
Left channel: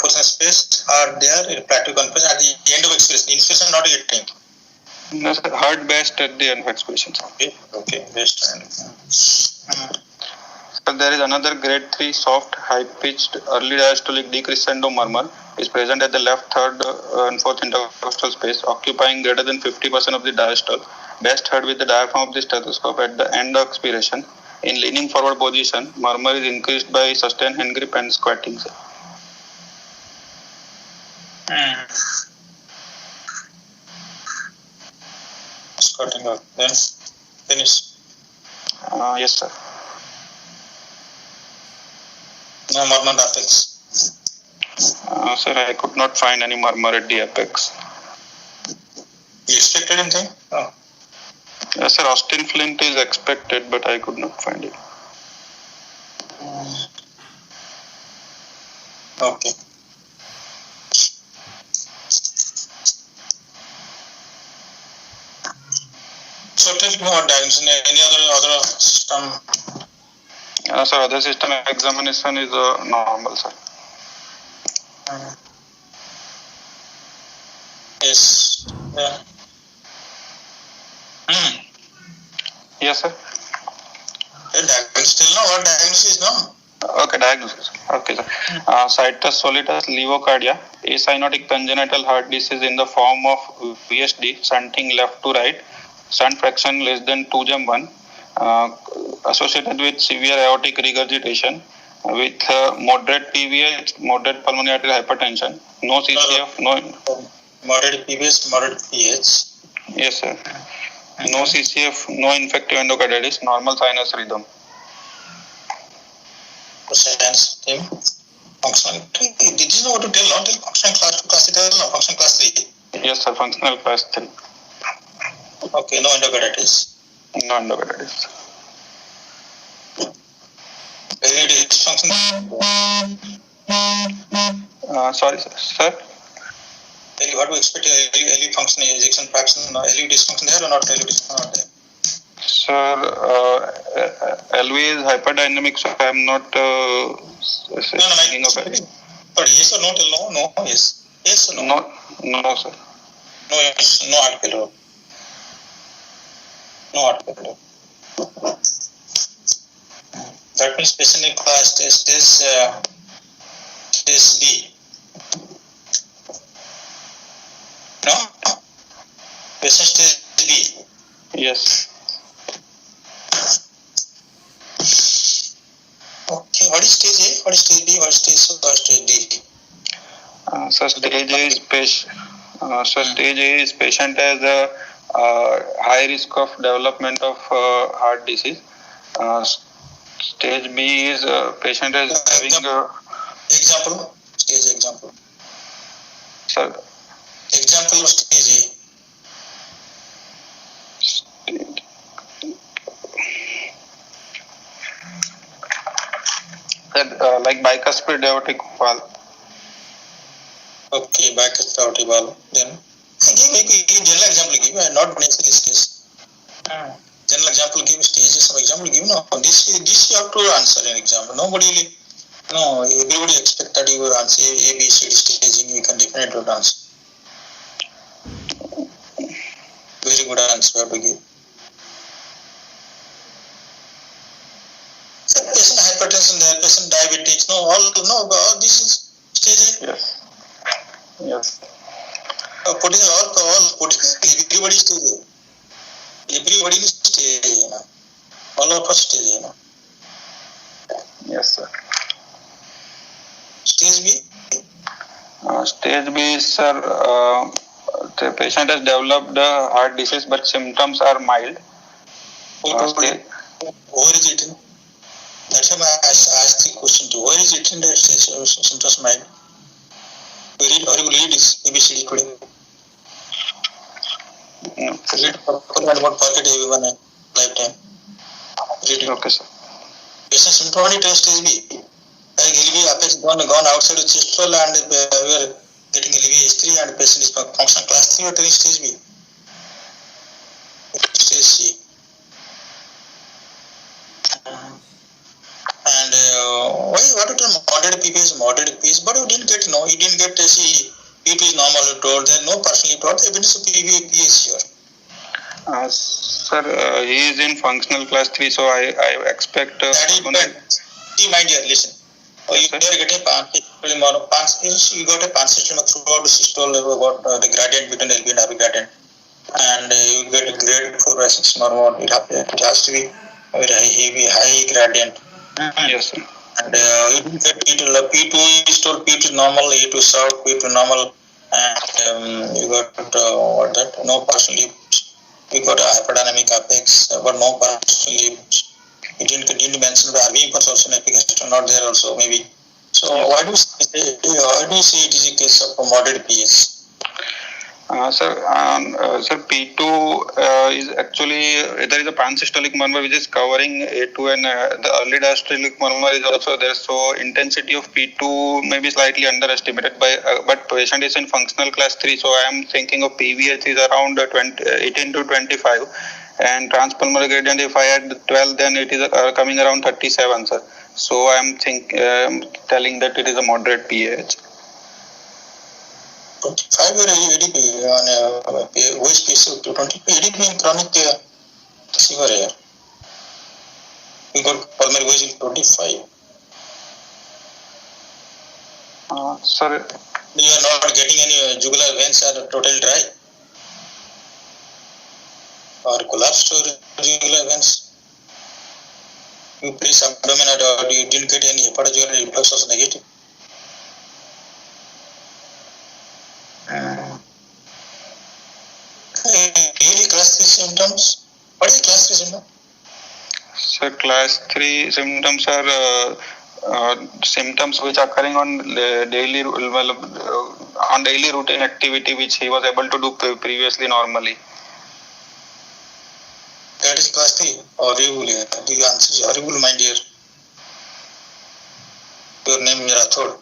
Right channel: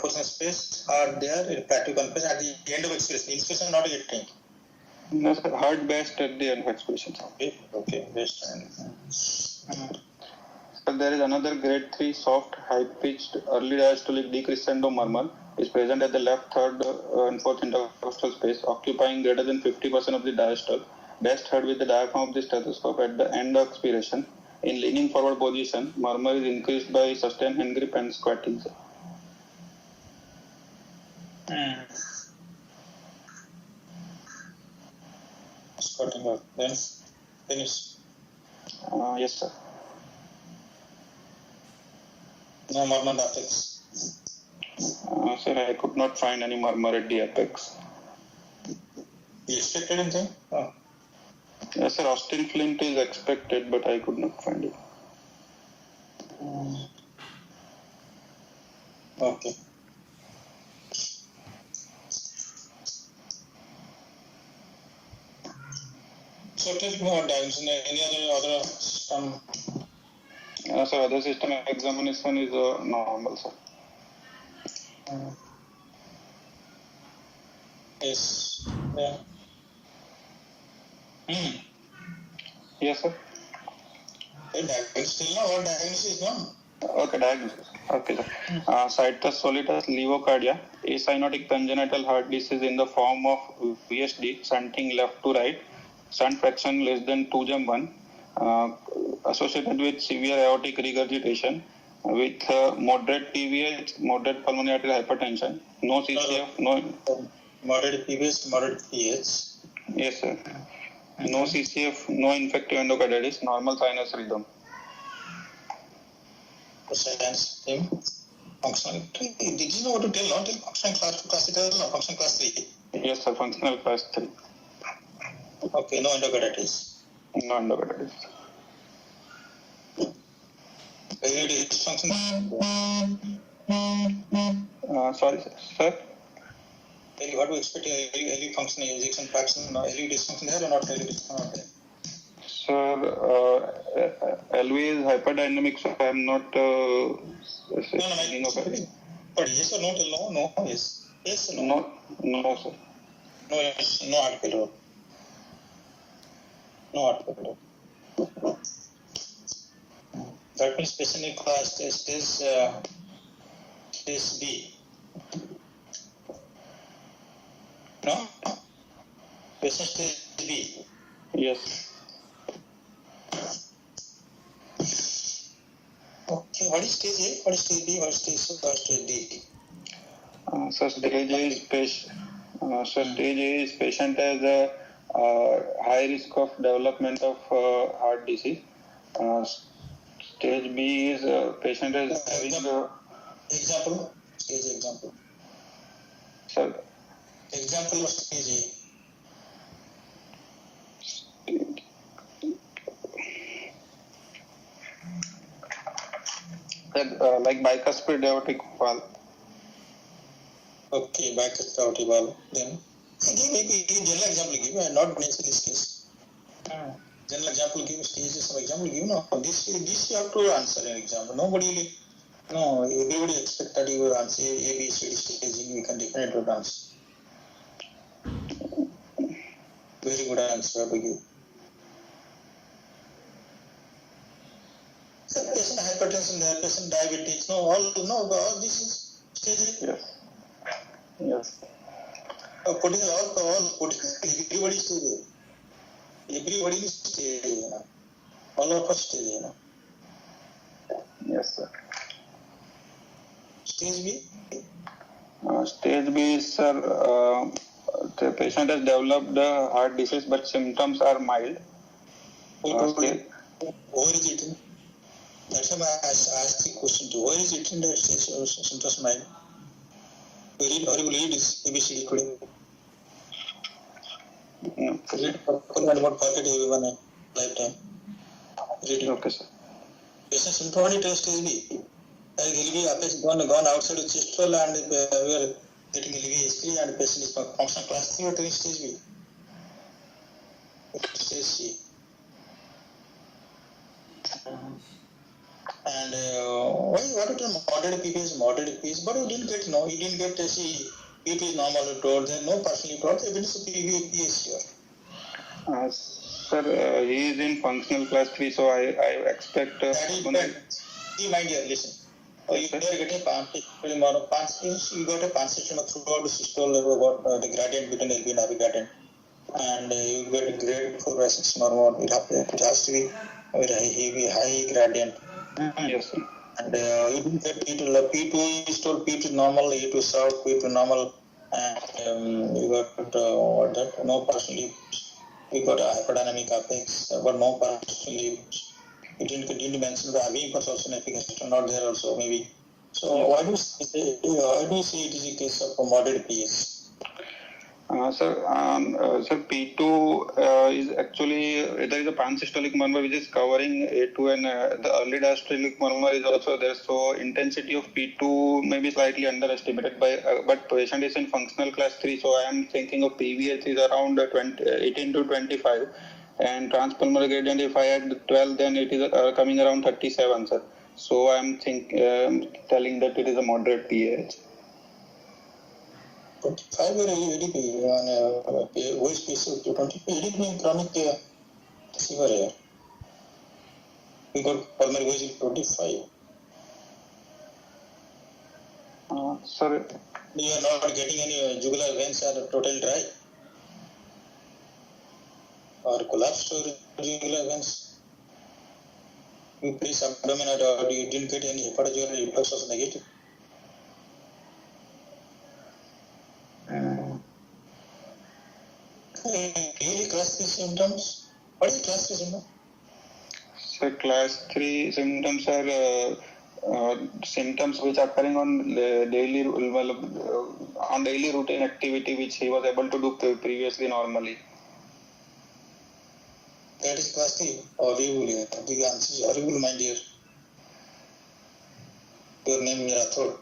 portion space are there in plateau configuration at the end of expiration. Inspiration not getting. No, sir, heard best at the end of expiration. Okay, best. So there is another grade 3 soft, high-pitched, early diastolic decrescendo murmur is present at the left, third and fourth intercostal space, occupying greater than 50% of the diastole, best heard with the diaphragm of the stethoscope at the end of expiration. In leaning forward position, murmur is increased by sustained hand grip and squatting. Starting out. Then finish. Yes, sir. No murmur apex. Sir, I could not find any murmur at the apex. You expected anything? Oh. Yes, sir. Austin Flint is expected, but I could not find it. Okay. So tell me what diagnosis. Any other system? Sir, other system examination is normal, sir. Yes. Yeah. Yes, sir. Still no. What diagnosis is no? Okay, diagnosis. Okay, sir. Situs solitus levocardia, acyanotic congenital heart disease in the form of VSD, shunting left to right, shunt fraction less than 2/1, associated with severe aortic regurgitation, with moderate PVH, moderate pulmonary arterial hypertension, no CCF, no. Moderate PVH, moderate PH. Yes, sir. No CCF, no infective endocarditis, normal sinus rhythm. Science team. Functional. Did you know what to tell? Not tell functional class 2, class 3, no, functional class 3. Yes, sir. Functional class 3. Okay, no endocarditis. No endocarditis. Very dysfunction. Sorry, sir. Sir? What do you expect? LV function, ejection fraction, LV dysfunction there or not LV dysfunction there? Sir, LV is hyperdynamic, so I am not thinking of it. But yes or no till no? No, yes. Yes or no? No, sir. No, yes, no heart failure. No heart failure. That means patient in class stage B. No? Patient stage B. Yes. Okay, what is stage A? What is stage B? What is stage C? What is stage D? So stage A is patient has a high risk of development of heart disease. Stage B is patient is having example. Stage example. Sir. Example of stage A. Like bicuspid aortic valve. Okay, bicuspid aortic valve. Then give general example. Give not necessarily case. General example. Give stages. Some example. Give no. This you have to answer an example. Nobody. No, everybody expect that you will answer A, B, C, D staging. You can definitely answer. Very good answer to give. So patient hypertension there, patient diabetes, all this is stage A. Yes. Putting everybody stage A. Everybody is stage A. All of us stage A. Yes, sir. Stage B? Stage B is, sir, the patient has developed heart disease, but symptoms are mild. Where is it in? That's why I asked the question too. Where is it in the symptoms mild? Where you read this ABCD today? Read and what forget everyone in lifetime. Read it. Okay, sir. Patient symptomatic stage B. LV apex gone outside of chest wall and we are getting LV history and patient is function class 3 or stage B. Stage C. And what you tell moderate PPS, but you didn't get see PP is normal you told, there no person you told, evidence of PVP is here. Sir, he is in functional class 3, so I expect. That is bad. See, mind your listen. You are getting you got a pan system throughout the systole about the gradient between LV and RV gradient, and you get a grade 4 by 6 normal. It has to be a very high gradient. Yes, sir. And you get P2 is told P2 normal, E2 short, P2 normal, and you got what that? No partial leaps. You got a hyperdynamic apex, but no partial leaps. You didn't mention the RV impulse also in application, not there also maybe. So Yes. why do you say it is a case of moderate PS? Sir, P2 is actually there is a pansystolic murmur which is covering A2, and the early diastolic murmur is also there. So intensity of P2 may be slightly underestimated by, but patient is in functional class 3. So I am thinking of PVH is around 18 to 25, and transpulmonary gradient if I add 12, then it is coming around 37, sir. So I am telling that it is a moderate PAH. 25 ADP on voice case to 20 ADP in chronic fever here. We got pulmonary voice in 25. Sir, You are not getting any jugular veins are totally dry or collapsed or jugular veins. You press abdomen or you didn't get any hepatojugular reflux was negative. Really class 3 symptoms? What is class 3 symptom? So class 3 symptoms are symptoms which are occurring on daily routine activity which he was able to do previously normally. That is class 3. Horrible. The answer is horrible, my dear. Your name is Rathod.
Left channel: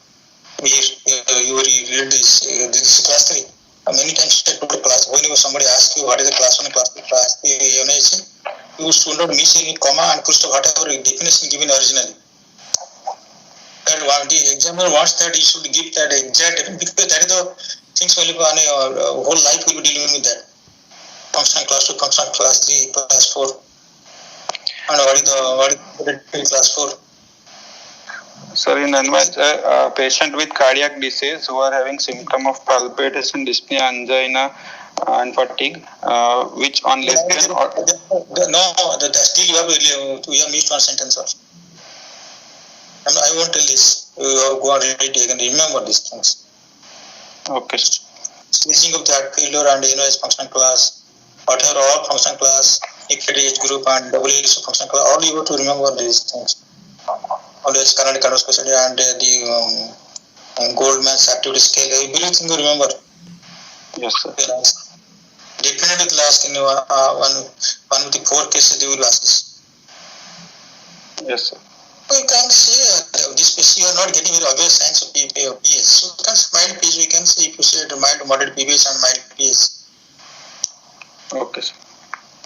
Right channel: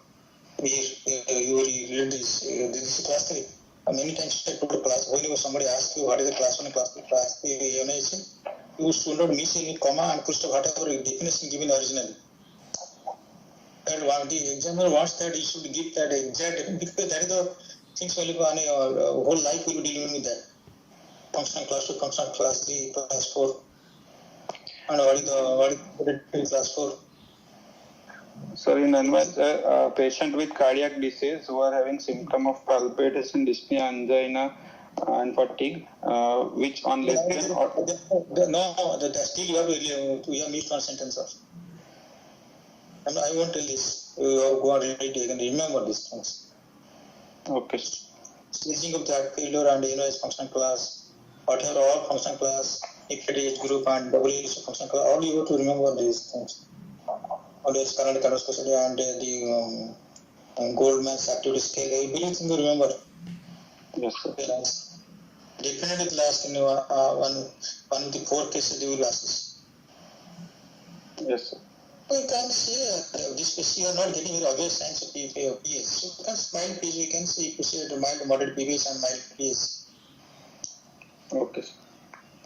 You read this. This is class 3. Many times I told class. Whenever somebody asks you what is the class 1, class 2, class 3, you should not miss any comma and put whatever definition given originally. That the examiner wants that you should give that exact, because that is the things will be on a whole life will be dealing with that. Functional class 2, functional class 3, class 4. And what is class 4? Sir, in a patient with cardiac disease who are having symptom of palpitation, dyspnea, angina, and fatigue, which on lesbian or... Still you have missed one sentence also. I won't tell this. You go and read it, you can remember these things. Okay. Switching of the heart failure and is functional class, whatever all functional class, equity age group and WH functional class, all you have to remember these things. Always Cardiac specialty and the Goldman's activity scale. Everything you remember. Yes, sir. Definitely will ask in one of the 4 cases they will ask this. Yes, sir. You can say this case you are not getting very obvious signs of PS. So you can say mild PS, we can say if you say mild to moderate PBS and mild PS. Okay, sir.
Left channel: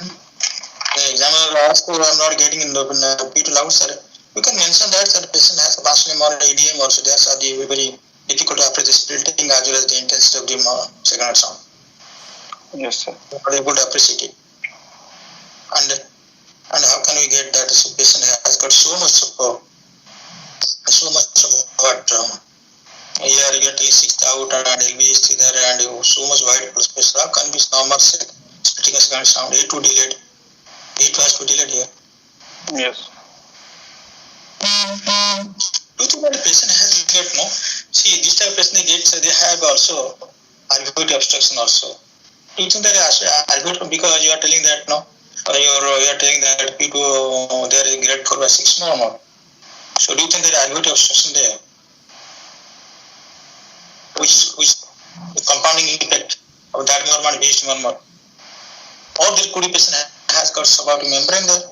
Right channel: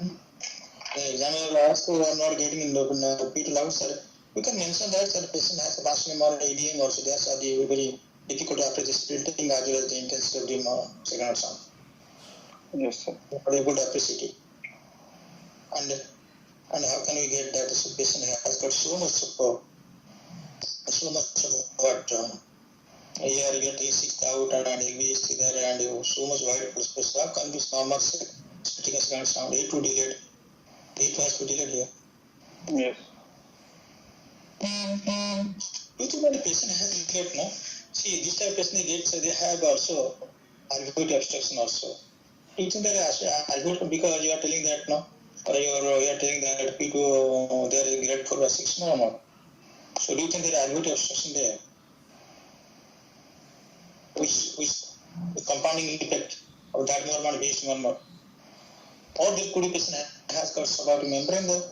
The examiner asks you are not getting in the P2 loud, sir. You can mention that the patient has a Barcelona or ADM also. That's very difficult to appreciate the splitting as well as the intensity of the second sound. Yes, sir. Not able to appreciate it. And how can we get that? So patient has got so much of what here you get L6 out and LV is there and so much wide space. How can we normal splitting a second sound? A2 delayed. A2 has to delayed here. Yes. Do you think that the patient has got no? See, this type of patient they have also alveolar obstruction also. Do you think that alveolar, because you are telling that no, you are telling that people there is grade 4/6 normal. So do you think there is alveolar obstruction there? Which compounding effect of that murmur and base murmur? Or there could be patient has got subaortic membrane there.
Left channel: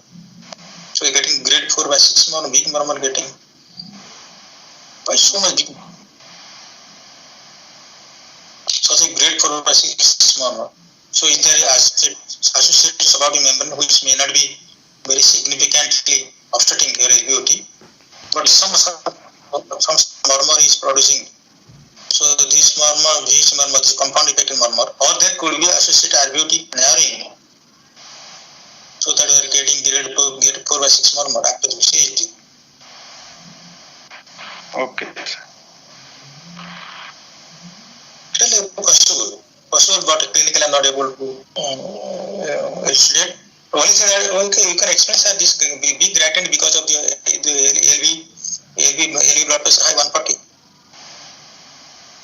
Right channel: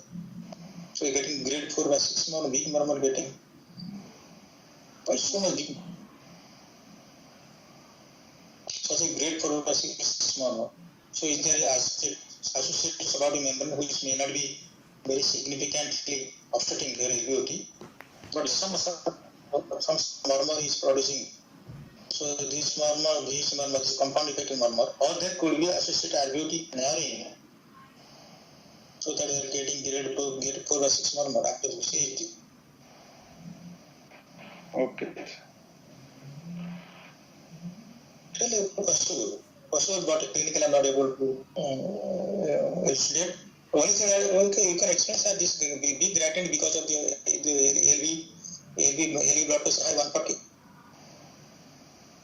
So you're getting grade 4/6 murmur, weak murmur getting. Why so much big? So say grade 4/6 murmur. So is there associated subaortic membrane which may not be very significantly obstructing your LVOT, but some murmur is producing. So this murmur, this compound effect murmur, or there could be associated alveotic narrowing. So that we are getting grade 4/6 murmur after the CHD. Okay. Tell you possible, but clinically I'm not able to elucidate. Only thing that you can explain that this big gradient because of the LV blood pressure high 140.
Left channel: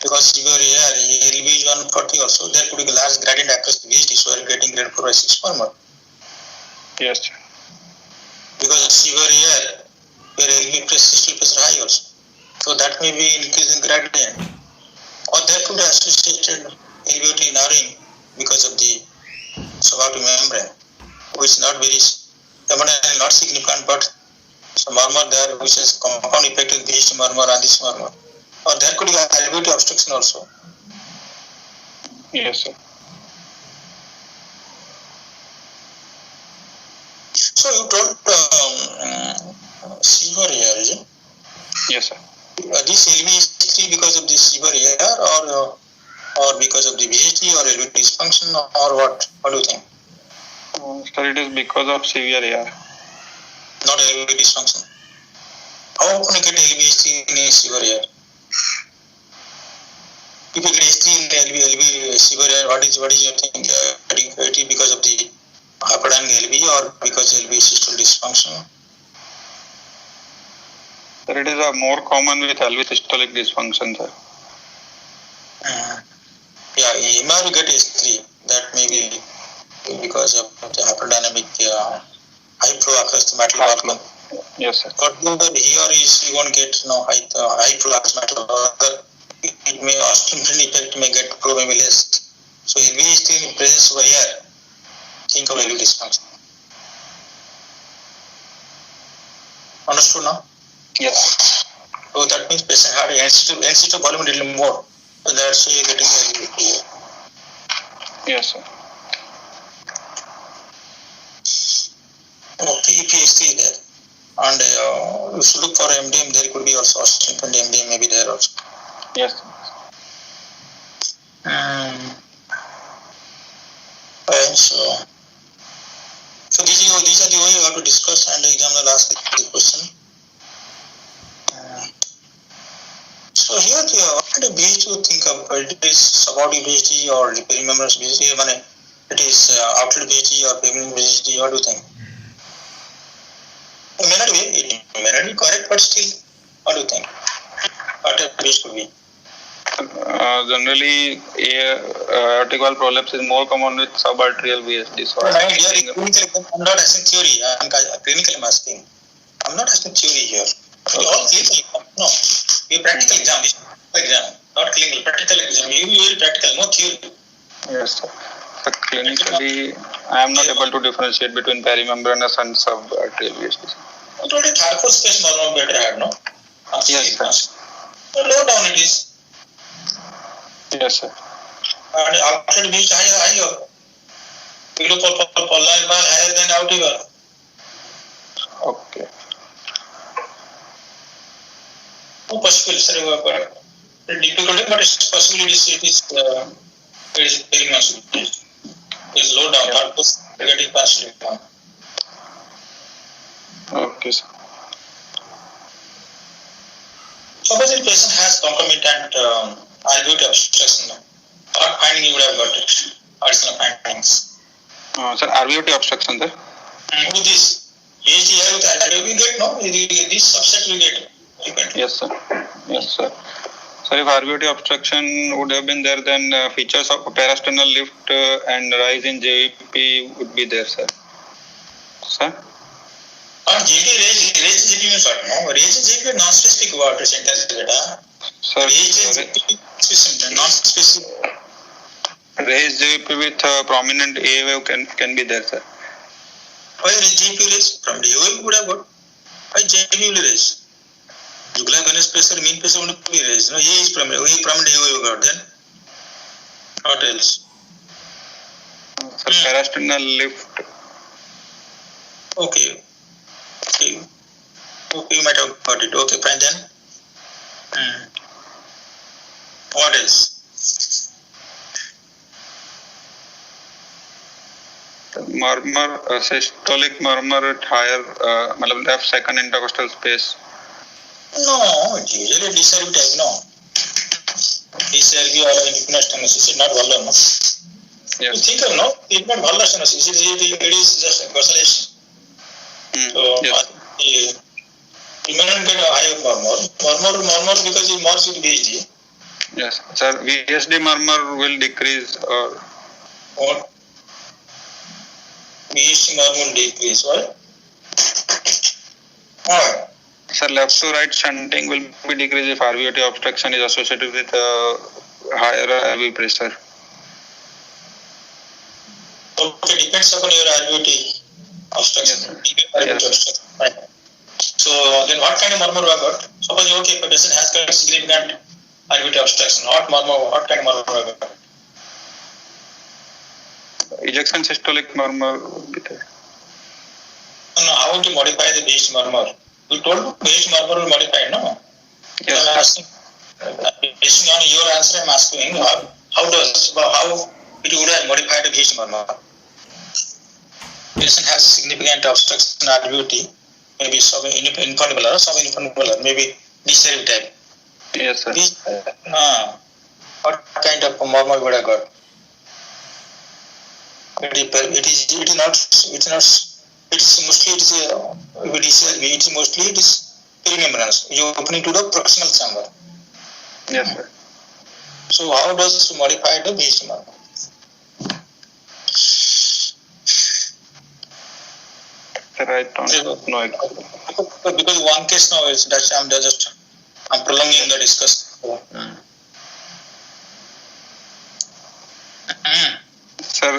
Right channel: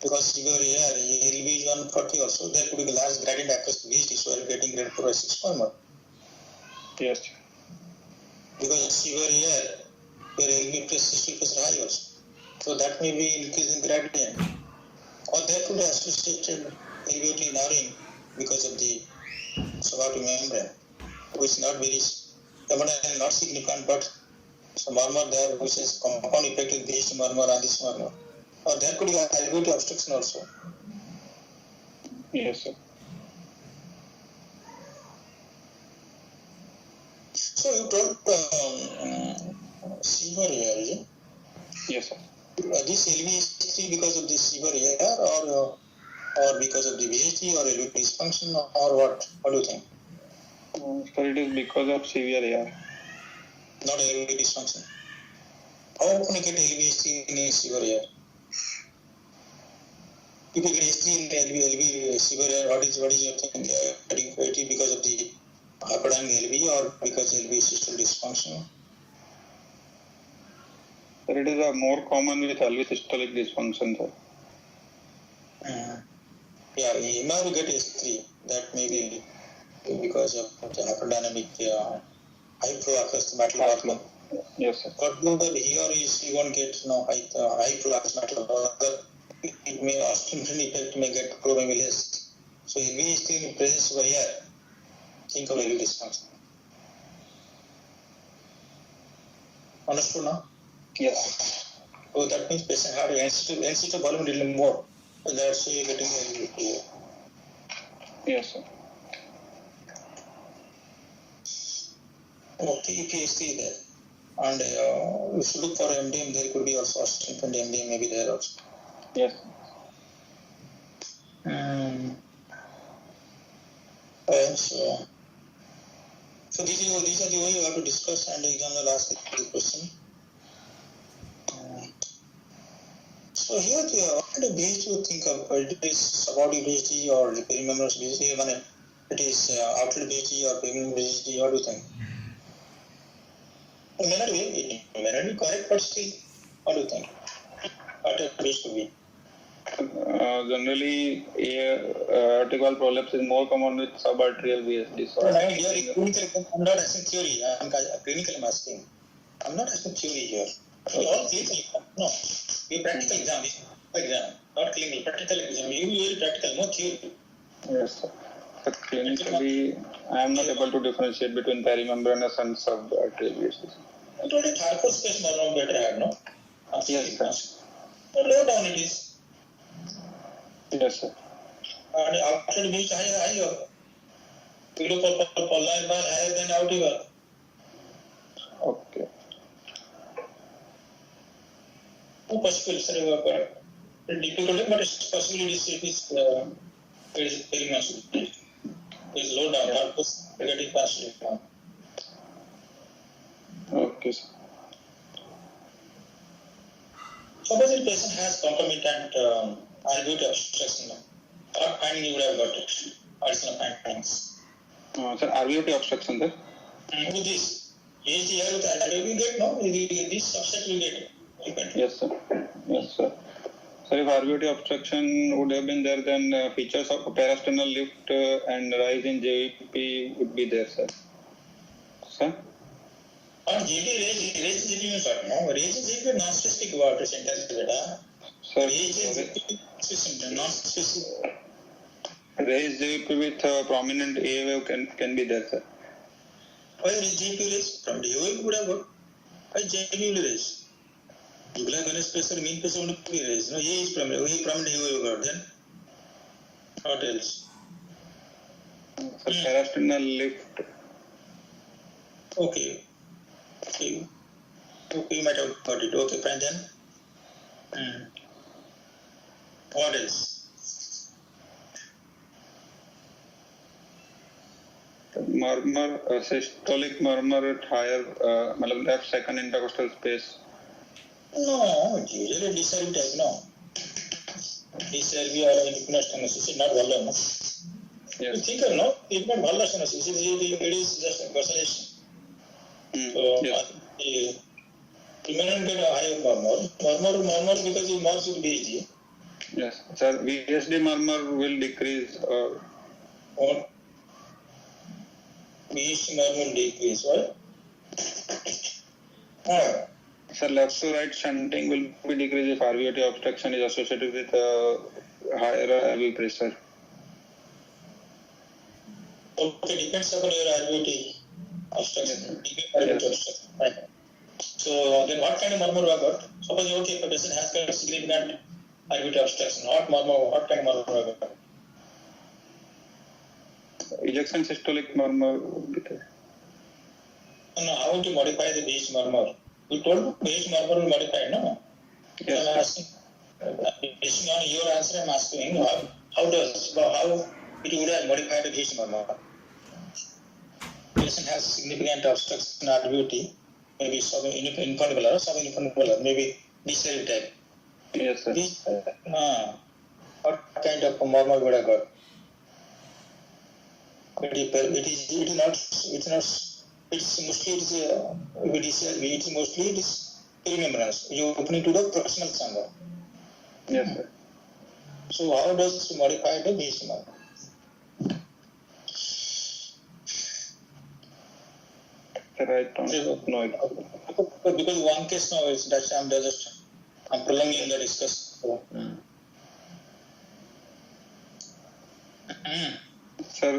Because you are here, LV is 4 by 6 murmur. Yes, sir. Because severe air, where LV systolic pressure high also. So that may be increase in gradient. Or there could be associated alveolar narrowing because of the subaortic membrane, which is not very, not significant, but some murmur there which has compound effect in this murmur and this murmur. Or there could be alveolar obstruction also. Yes, sir. So you told severe air, is it? Yes, sir. This LV is 3 because of the severe air or because of the VHD or LV dysfunction or what? What do you think? Sir, it is because of severe AR. Not LV dysfunction. How often you get LV in a severe air? If you get H3 in LV severe air, what is your thing? It is because of the hyperdynamic LV or because LV systolic dysfunction? Sir, it is more common with LV systolic dysfunction, sir. Yeah, EMR will get H3. That may be because of the hyperdynamic high flow across the metal vacuum. Yes, sir. But he or he won't get high flow across metal. It may ostensibly effect may get flow may be less. So LV is still in presence of air. Think of LV dysfunction. Understood now? Yes. So that means patient had NC2 volume a little more. So that's why you're getting LV here. Yes, sir. Okay, EPS3 is there. And you should look for MDM. There could be also ostensibly MDM may be there also. Yes. And so these are the way you have to discuss and exam the last question. So here what kind of BHD you think of? It is subaortic BHD or perimembranous BHD? It is outlet BHD or permanent BHD? What do you think? It may not be correct, but still, what do you think? What a BHD could be? Generally, aortic valve prolapse is more common with subarterial VSD. So I'm not asking theory. I'm clinically asking. I'm not asking theory here. Okay. All clinical. No, you practical exam. Not clinical. Practical exam. You very practical. No theory. Yes, sir. But clinically, I am not able to differentiate between perimembranous and subarterial VSD. I told you third course space normal better had no. Yes, sir. So low down it is. Yes, sir. And outlet beach higher. Below pollar bar higher than outer bar. Okay. No possible, sir. But difficult, but it's possible. It is very much. It's low down. Third course negative partially. Okay, sir. Suppose the patient has concomitant alveolar obstruction. What finding you would have got it? Additional findings. Sir, alveolar obstruction, sir. With this, VHD with alveolar we get no. This subset we get. Yes, sir. Yes, sir. So if alveolar obstruction would have been there, then features of parasternal lift and rise in JVP would be there, sir. Sir? JD raise JVP means what? No, raise JVP non-specific word sentence beta. Sir, non-specific. Raise JVP with prominent A wave can be there, sir. Why raise JVP raise? From the A wave would have got. Why JVP will raise? Jugular venous pressure, mean pressure would be raised. No, A is prominent. A prominent A wave got then. What else? Sir, parasternal lift. Okay, you might have got it. Okay, fine then. What else? Murmur, systolic murmur at higher, left second intercostal space. No, usually DCRV type, no. DCRV or stenosis is not valor, no. Yes. You think of no, it's not valor stenosis. It is just a consolation. So, yes. You may not get a higher murmur because it morphs with VHD. Yes, sir. VSD murmur will decrease or what? BHT murmur decrease, right? Alright. Sir, left to right shunting will be decreased if RVOT obstruction is associated with higher RV pressure. Okay, depends upon your RVOT obstruction. Yes. Obstruction. Right. So then what kind of murmur we have got? Suppose if a person has got significant RVOT obstruction, what kind of murmur we have got? Ejection systolic murmur would be there. No, how to modify the BHT murmur? You told BHT murmur will modify, no? Yes. So I'm asking, based on your answer, I'm asking how it would have modified the BHT murmur? Patient has significant obstruction RVOT, maybe sub-infundibulum or sub-infundibulum, maybe D-cell type. Yes, sir. What kind of murmur would I got? It is perimembranous. You opening to the proximal chamber. Yes, sir. So how does it modify the BHT murmur? Sir, I don't know it. Because one case now is that I'm prolonging the discussion. Sir,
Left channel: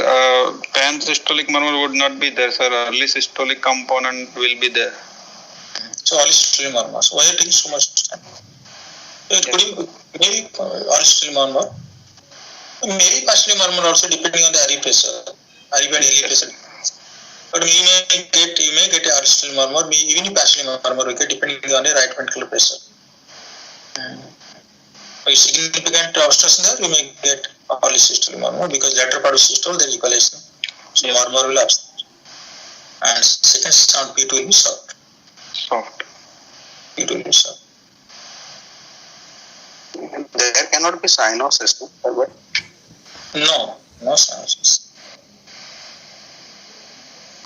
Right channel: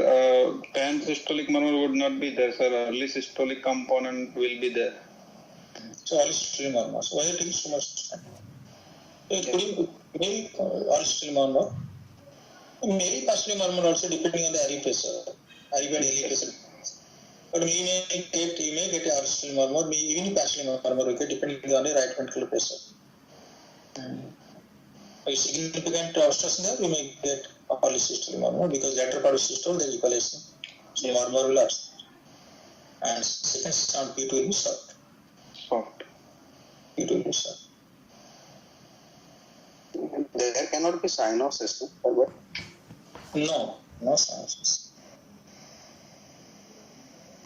pan-systolic murmur would not be there, sir. Early systolic component will be there. So early systolic murmur. So why are you taking so much time? It could be maybe early systolic murmur. Maybe partially murmur also depending on the RV pressure. RV and LV pressure. But you may get a early systolic murmur, even partially murmur will get depending on the right ventricular pressure. If significant obstruction there, you may get early systolic murmur because lateral part of systole there is equalization. So murmur will absent. And second sound P2 will be soft. P2 will be soft. There cannot be cyanosis, but no cyanosis.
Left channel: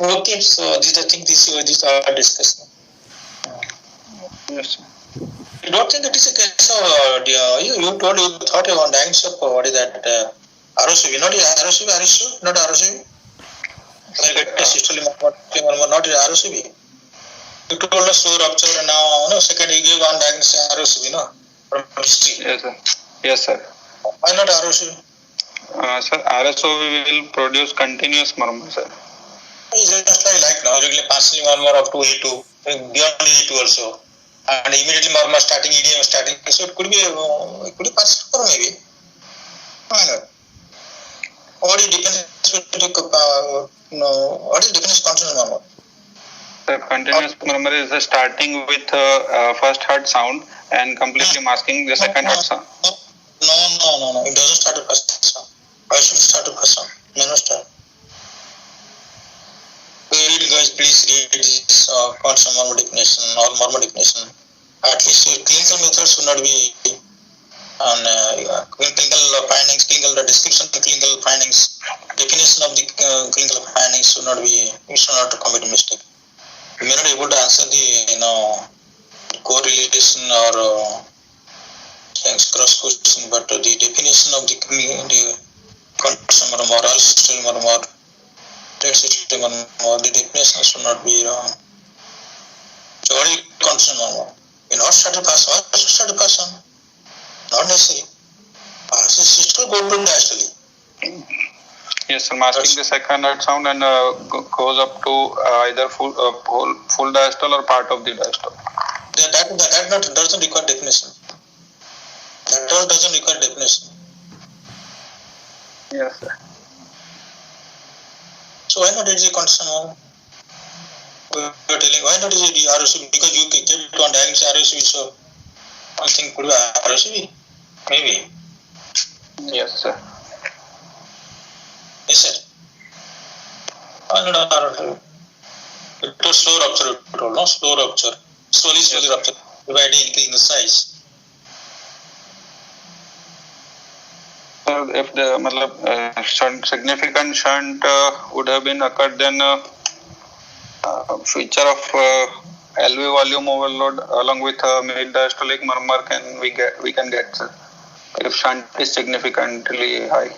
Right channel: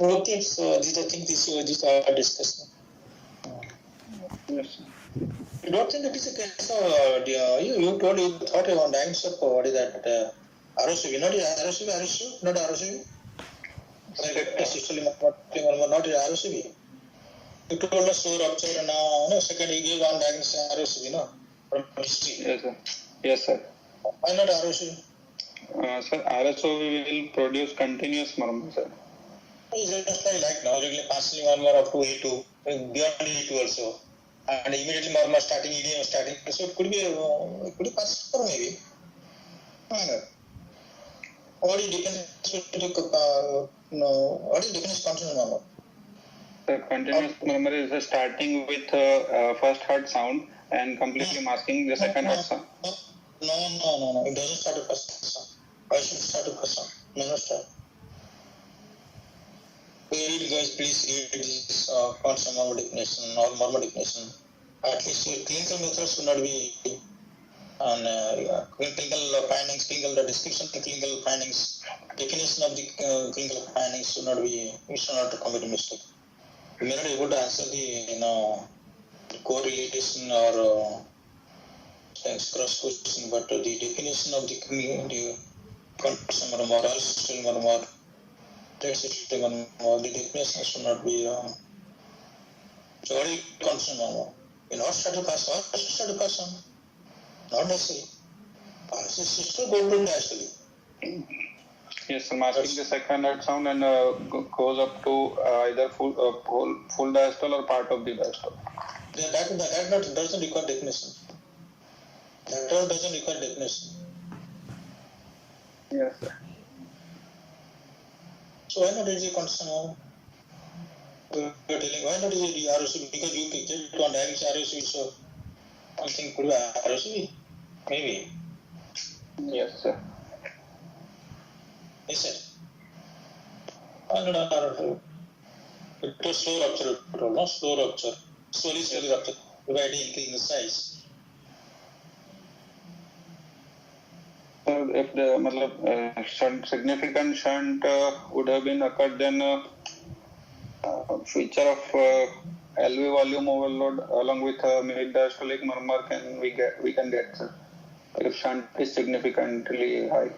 Okay, so these are discussed. Yes, sir. You don't think it is a case of you thought on diagnose of what is that ROCV, not ROCV, not ROCV. I get systolic murmur, not ROCV. You told us slow rupture and now second you gave one diagnosis ROCV, no, from history. Yes, sir. Yes, sir. Why not ROCV? Sir, RSOV will produce continuous murmur, sir. It's just like now, regularly partially murmur up to A2, beyond A2 also. And immediately murmur starting, EDM starting. So it could be partial or maybe. Why not? What is definition continuous murmur? The continuous murmur is starting with first heart sound and completely masking the second heart sound. No. It doesn't start with first sound. Why should it start with first sound? No start. Guys, please read this constant murmur definition or murmur definition. At least clinical methods should not be on clinical findings, the description of the clinical findings, definition of the clinical findings should not be, you should not commit a mistake. You may not be able to answer the correlation or cross question, but the definition of the constant murmur, oral systolic murmur, systolic murmur, the definition should not be wrong. So what is constant murmur? You not start a person, or start a person? Not necessary. Systole go to diastole. Yes, sir. Masking the second heart sound and goes up to either full diastole or part of the diastole. That doesn't require definition. That doesn't require definition. Yes, sir. So why not is it constant murmur? We are telling why not is it the ROCV? Because you kept on diagnosing ROCV, so one thing could be ROCV. Maybe. Yes, sir. Yes, sir. Why not ROCV? It was slow rupture, no? Slow rupture. Slowly rupture, dividing, increasing the size. If the significant shunt would have been occurred, then feature of LV volume overload along with mid diastolic murmur we can get, sir, if shunt is significantly high.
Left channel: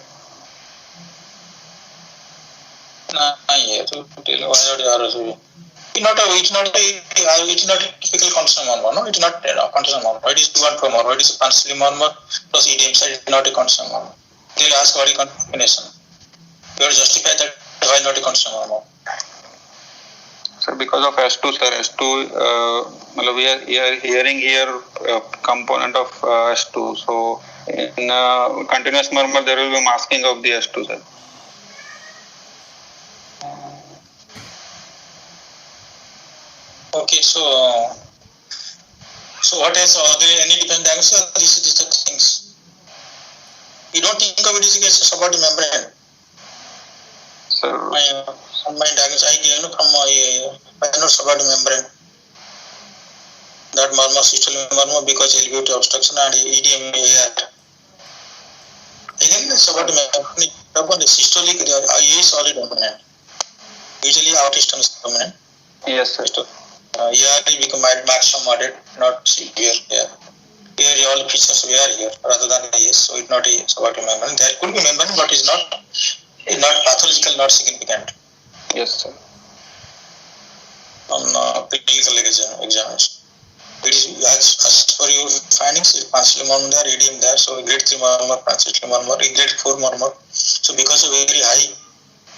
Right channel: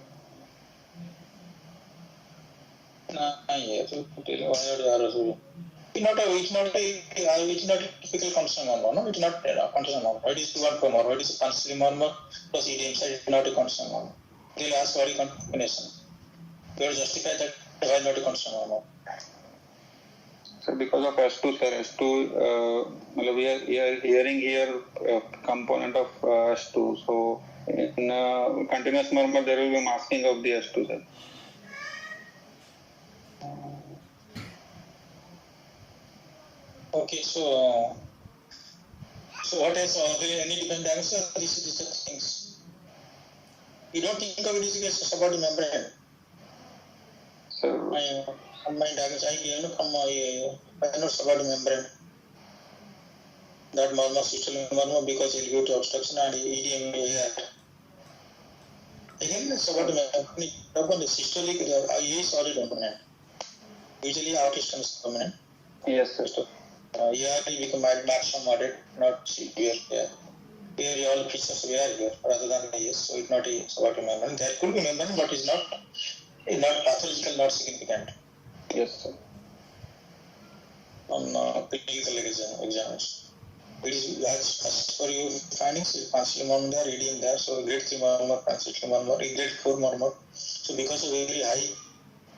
here to tell why not RSV. It's not a typical consonant murmur, no? It's not consonant murmur. It is 2 and 4 murmur. It is a consonant murmur plus EDM side. It's not a consonant murmur. They'll ask what is combination. You have to justify that why not a consonant murmur. Sir, because of S2, sir, S2, we are hearing here component of S2. So in continuous murmur, there will be masking of the S2, sir. Okay, so what else? Are there any different diagnosis? These are the things. You don't think of it as a supporting membrane. Sir, my diagnosis I gave from my supporting membrane. That murmur, systolic murmur because LVOT obstruction and EDM AR. Again, the supporting membrane, the systolic is solid dominant. Usually outiston is dominant. yes, sir. ER will become maximum moderate, not severe here. Here all features we are here rather than AS, so it's not a supporting membrane. There could be membrane, but it's not pathological, not significant. Yes, sir. On clinical examination. It is as for your findings, pancreatic murmur there, EDM there, so grade 3 murmur, pancreatic murmur, grade 4 murmur. So because of very high,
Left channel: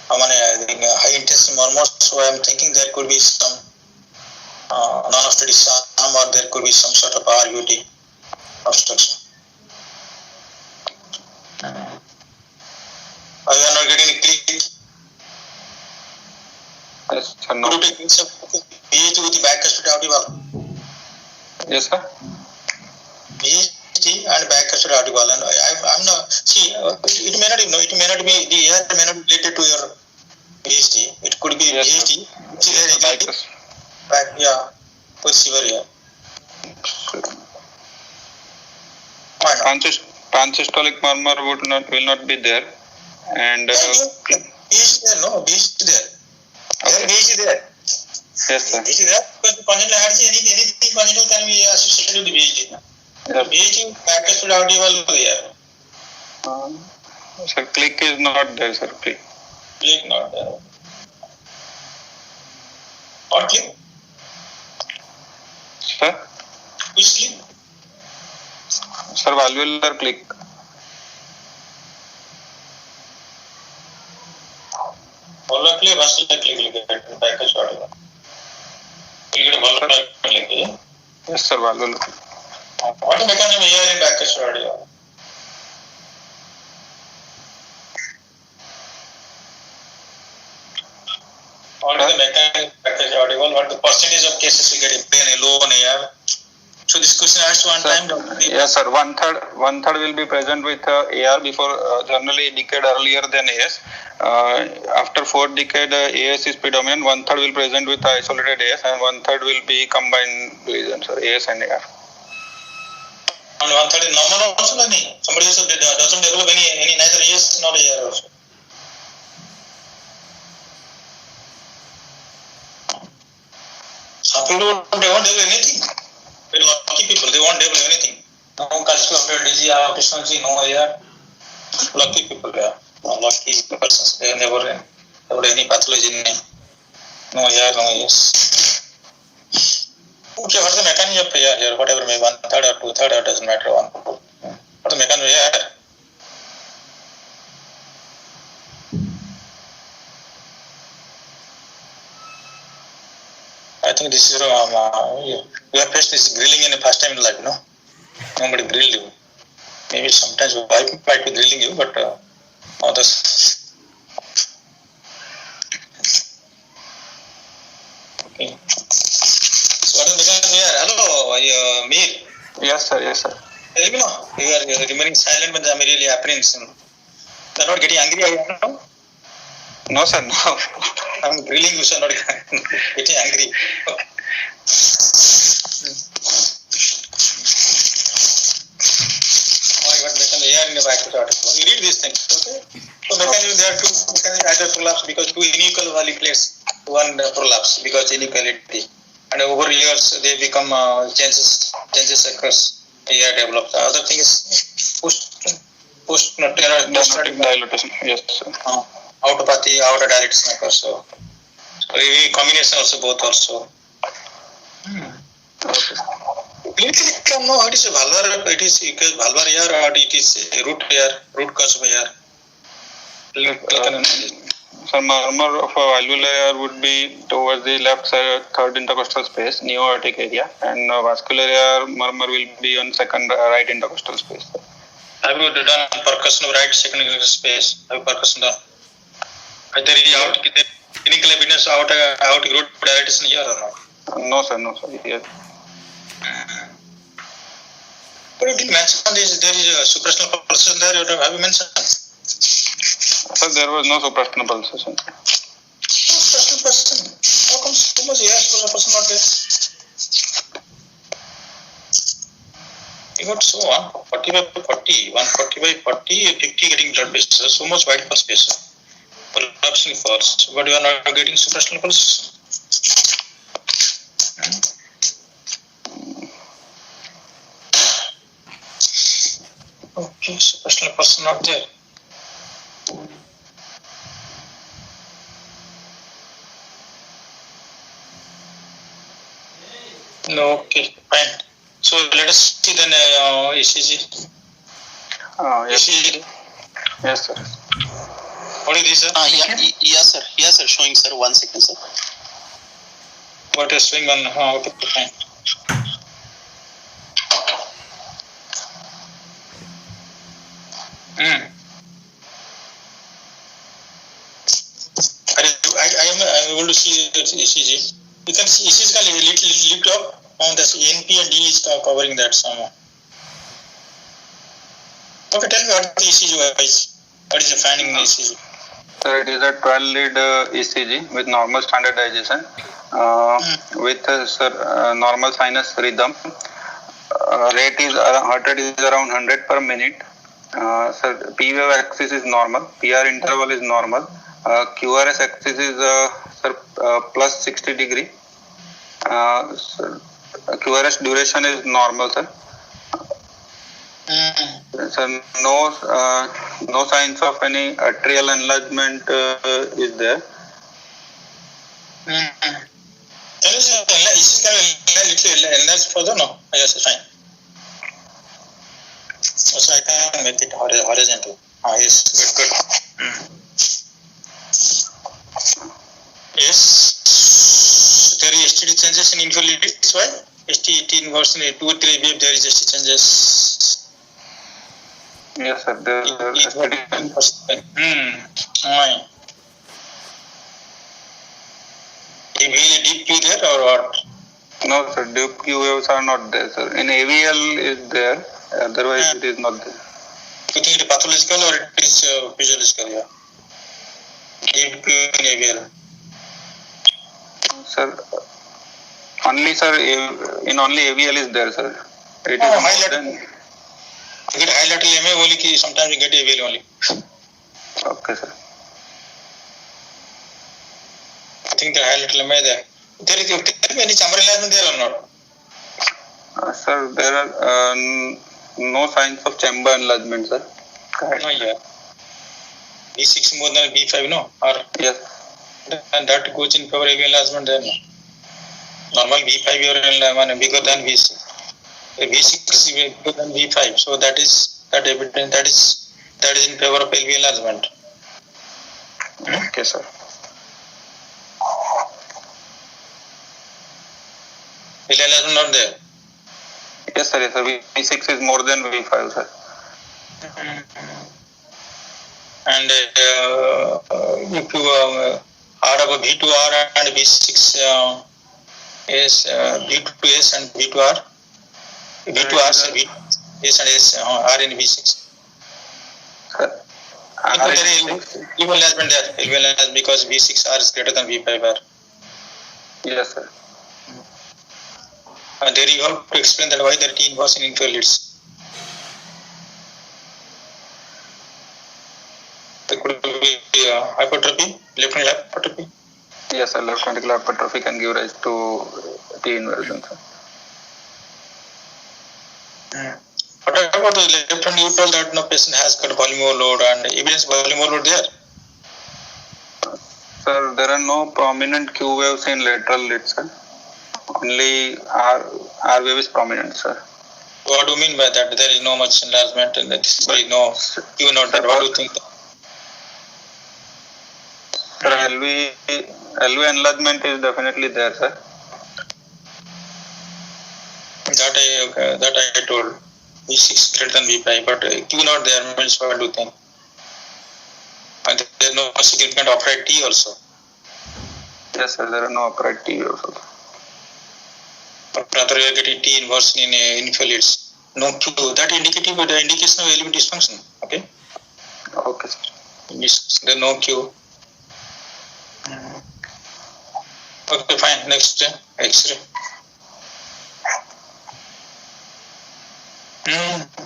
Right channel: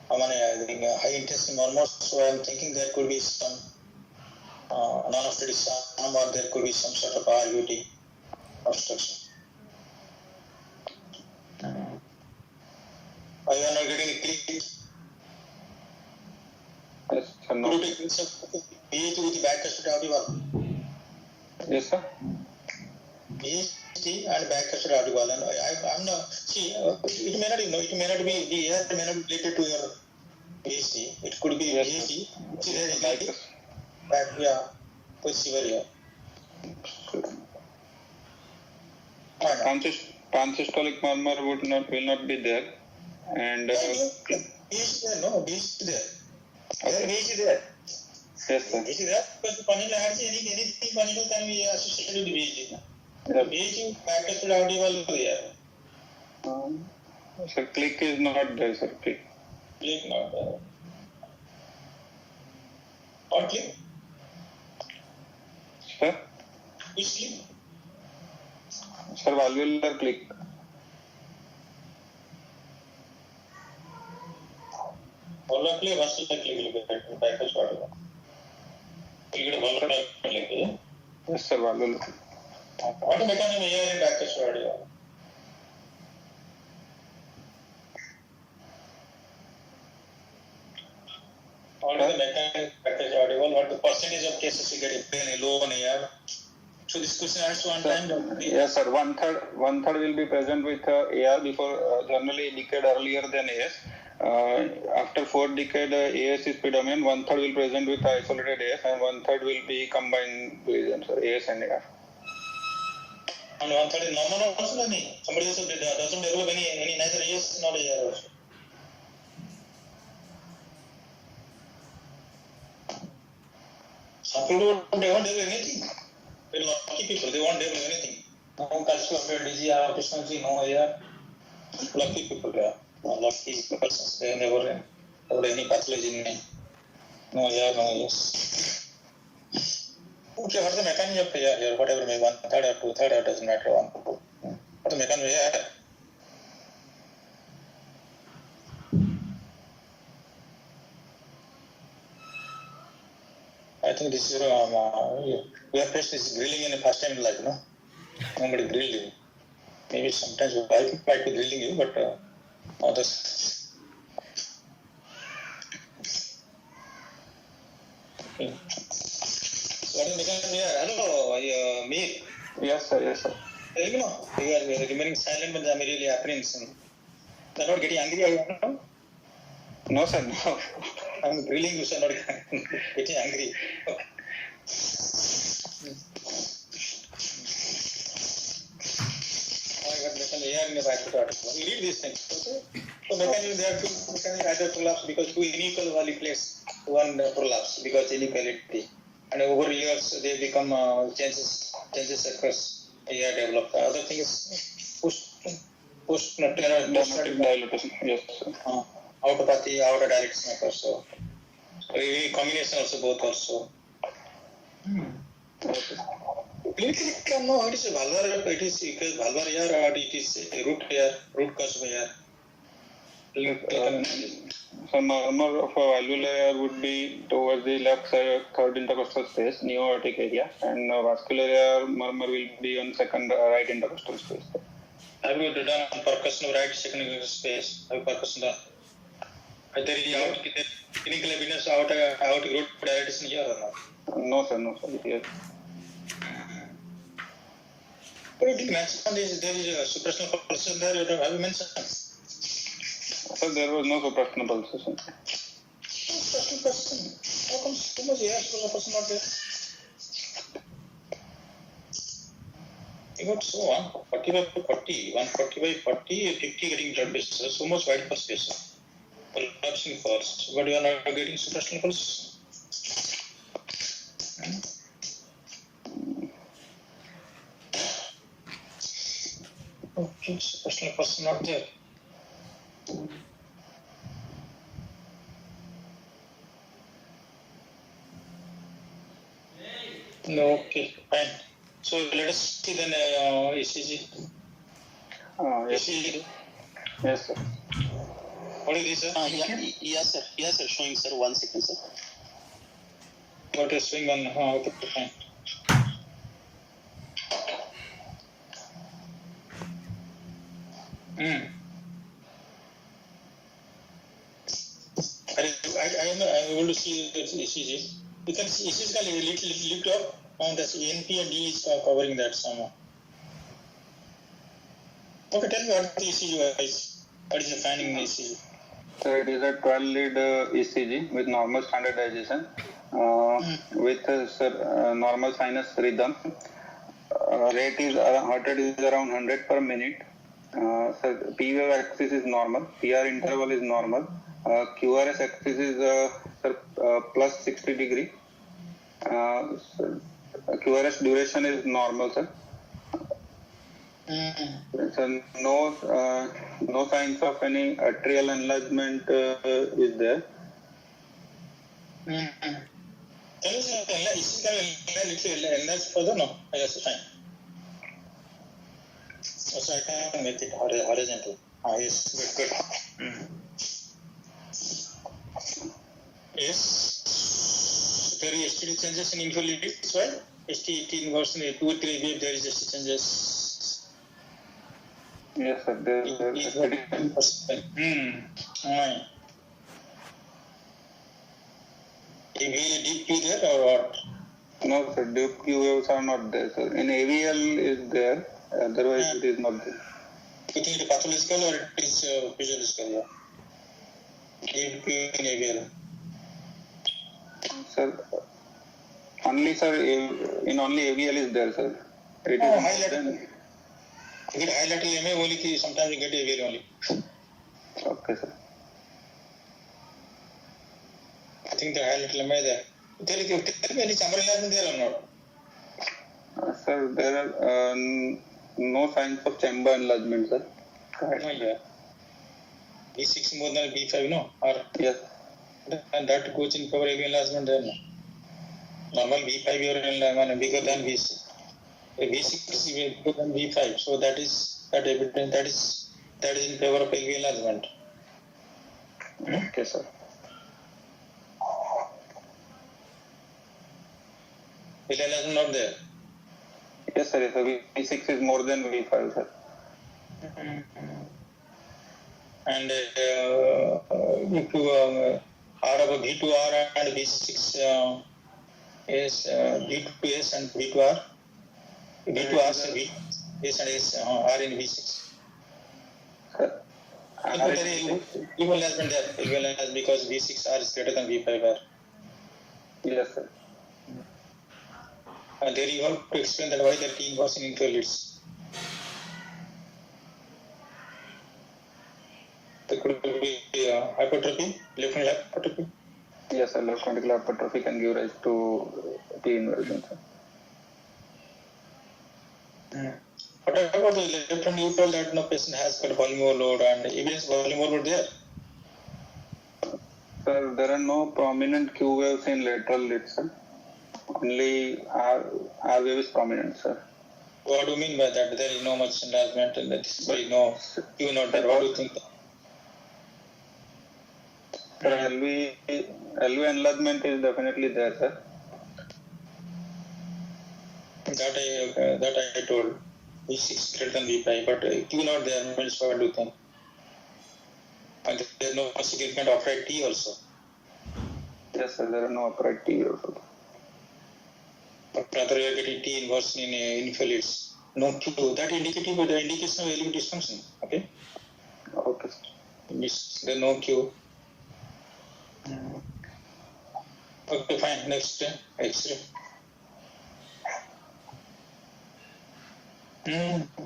high intensity murmur, so I am thinking there could be some non-obstructive SAM or there could be some sort of RUT obstruction. Are you not getting it clear? Yes, sir. No. Could you take some BHT with the back custody article? Yes, sir. BHT and back custody article. And I'm not, see, it may not be, it may not be, the air may not be related to your BHT. It could be yes, BHT. Back, yeah, with severe, yeah. Why not? Pansystolic murmur will not be there, and BHT there, no, BHT there. okay. BHT there. Yes, sir. BHT there, because congenital heart disease, anything congenital can be associated with the BHT. Yes. BHT back custody article there. Sir, click is not there, sir. Click. Click not there. What click? Sir? Which click? Sir, valvular click. Valvular click, vascular click, back custody article. You get a valvular click, yeah? Yes, sir, valvular click. What is the mechanism here in back custody article? What is the mechanism package article? What the percentage of cases we get in plain low on AR? So this question asked one time. Yes, sir. One third will be present with AR before generally a decade earlier than AS. After 4 decade, AS is predominant. 1/3 will present with isolated AS, and 1/3 will be combined lesions, sir, AS and AR. And 1/3 is normal also, somebody else doesn't develop any neither AS nor AR also. Some people don't develop anything. Very lucky people, they won't develop anything. No cardiovascular disease, efficiency, no AR. Lucky people, yeah. No lucky persons, they never have any pathology. No AR, no AS. Okay, what's the mechanism of AR here? Whatever, maybe 1/3 or 2/3, it doesn't matter. What's the mechanism of AR? I think this is you have faced this grilling in the first time in life, no? Nobody grilled you. Maybe sometimes wife might be grilling you, but others. Okay. So what is the mechanism here? Hello, Mir. Yes, sir. Yes, sir. Tell me now. You are remaining silent when the really happens. You are not getting angry, are you now? No, sir. No. I'm grilling you, sir, not getting angry. Okay. AR in the back article. You read these things, okay? So mechanism, there are two mechanisms either prolapse because two unequal value plates, one prolapse because inequality. And over years they become changes occurs. AR develops. The other thing is post dilatation. Yes, sir. autopathy or a dialysis maker. So a combination also, both also. Clinically, no, it is a valvar, it is valvar here, or it is a root cause of here. So murmur of a valvular air would be towards the left side, third intercostal space, neo-aortic area, and vascular air murmur will be on second right intercostal space. Have you done percussion of right second intercostal space? Have you percussion done? There is clinical evidence out root dilatation here or not? No sir, yes. But you didn't mention this, there is a supraspinal pulsation there, have you mentioned? Sir, there was no supraspinal pulsation. Supraspinal pulsation? How come so much supraspinal pulsation not there? You got so 140 by 40, 140 by 40, 50 getting blood pressure, so much wide pulse pressure. Collapsing pulse, but you are not getting supraspinal pulse. Okay, supraspinal pulse not there. No, okay, fine. So let us see then ECG. Yes. ECG. Yes, sir. What is this, sir? Yes, sir. Showing, sir. 1 second, sir. What is showing on? Okay, fine. I am able to see the ECG. You can see ECG can little lift up on the NP and D is covering that somehow. Okay, tell me what the ECG is. What is the finding in the ECG? Sir, it is a 12-lead ECG with normal standardization, with normal sinus rhythm. Heart rate is around 100 per minute. Sir, P wave axis is normal. PR interval is normal. QRS axis is plus 60 degree. QRS duration is normal, sir. Sir, no signs of any atrial enlargement is there. Is little enlarged further? No, yes, fine. So I can make it horizontal. Yes, good. Yes, there is STD changes in inferiority. Why? ST18 version 2 or 3 wave there is ST changes. Yes, sir. There is Why? A really deep Q there or what? No, sir. Deep Q waves are not there, sir. In AVL is there. Otherwise, it is not there. You think it is pathological or it is physiological? Yeah. Deep Q in AVL. Sir, only AVL is there, sir. It is highlight. You get high lateral MA only, sometimes you get AVL only. Okay, sir. I think the high lateral MA there. There is any chamber enlargement there or not? Sir, there are no signs of chamber enlargement, sir. No, yeah. B6 more than B5, no? Or yes. And that goes in favor of enlargement there, no? Normal B5 or bigger than B6. B6 is bigger than B5, so that is evident. That is in favor of LV enlargement. Okay, sir. LV enlargement not there. Yes, sir. Yes, sir. V6 is more than V5, sir. And if you add up V2R and V6 is V2S and V2R, V2R, S and S are in V6. Sir, There is LV enlargement there. LV enlargement because V6R is greater than V5R. yes, sir. There you have to explain that why there are T inverse in inferior leads. There could be hypertrophy, left ventricular hypertrophy. Yes, sir. Left ventricular hypertrophy can give rise to T inversion, sir. What about the left ventricle? You told that no patient has got volume overload and evidence volume overload there. Sir, there are no prominent Q waves in lateral lid, sir. Only R wave is prominent, sir. What do you mean by that? There is no much enlargement and there is no Q not there. What do you think? Sir, LV enlargement is definitely there, sir. That I told. V6 greater than V5, but Q not there means what do you think? And there is no significant upright T also. Yes, sir, there are no upright T waves also. But rather you are getting T inverse in infolids. No Q. That indicative the indication of LV dysfunction. Okay? Okay, sir. Yes, there no Q. Okay, fine. Next, X-ray.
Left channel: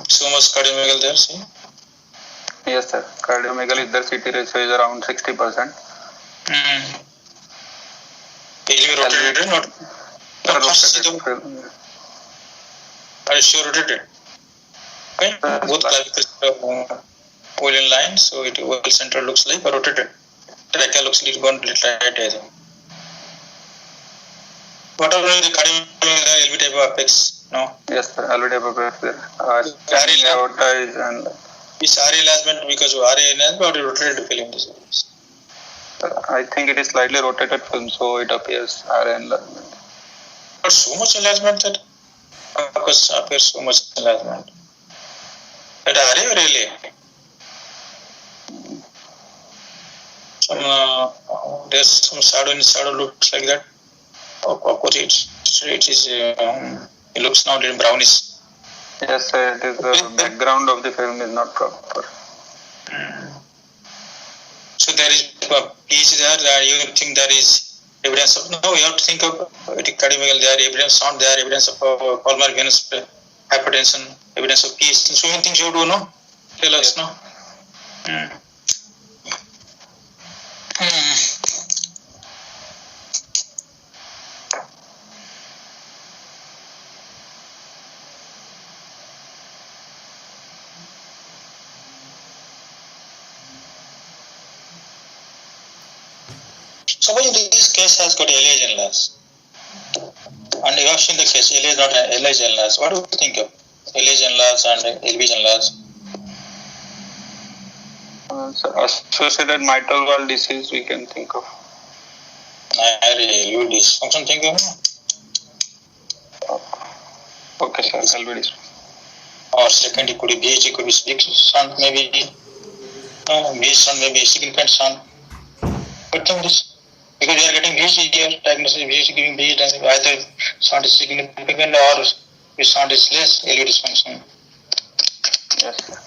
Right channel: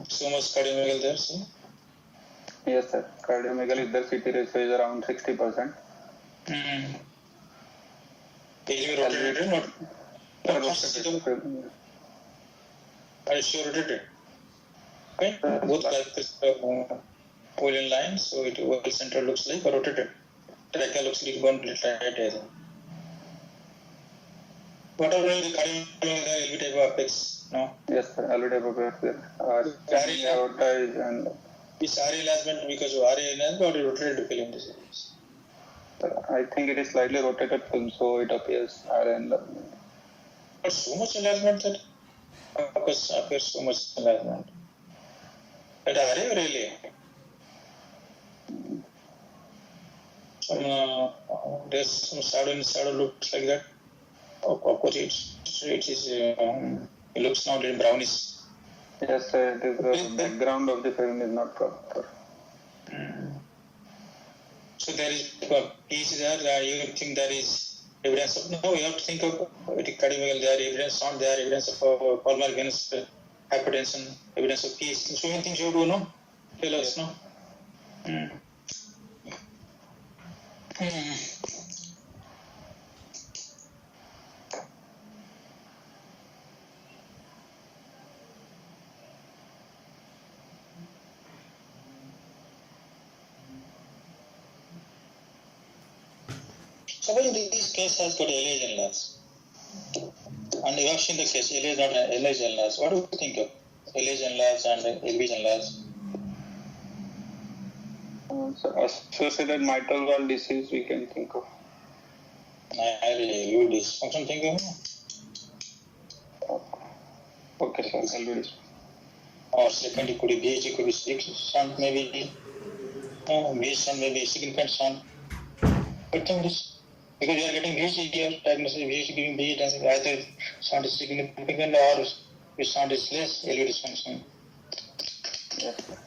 So much cardiomegal there, see? Yes, sir. Cardiomegaly, their CT ratio is around 60%. LV rotated, not? Are you sure rotated? Okay. Both clavicular whole in line, so it whole center looks like rotated. Trachea looks like gone right, I think. What are the cardiomegal LV type of apex? No? Yes, sir. LV type of apex there. Aorta is and Is RA enlargement because of RA enlargement or rotated film this is? I think it is slightly rotated film, so it appears RA enlargement. But so much enlargement that appears so much enlargement. That RA or LA? There's some shadow looks like that. Of course, it is. It looks now little brownish. Yes, sir. It is the background of the film is not proper. So there is piece there. You think there is evidence of no? You have to think of cardiomegal. There evidence not there. Evidence of pulmonary venous hypertension. Evidence of peace. So many things you do no. Tell us no. Suppose this case has got LH enlarged, and you have seen the case LH not LH enlarged. What do you think of LH enlarged and LV enlarged? So associated mitral valve disease we can think of. LV dysfunction think of. Okay, sir. LV dysfunction. Or second, it could be BH, it could be big shunt, maybe BH shunt, maybe significant shunt. But think this. Because we are getting BH here, diagnosis BH giving BH, either sound is significant or if sound is less, LV dysfunction. Yes, sir.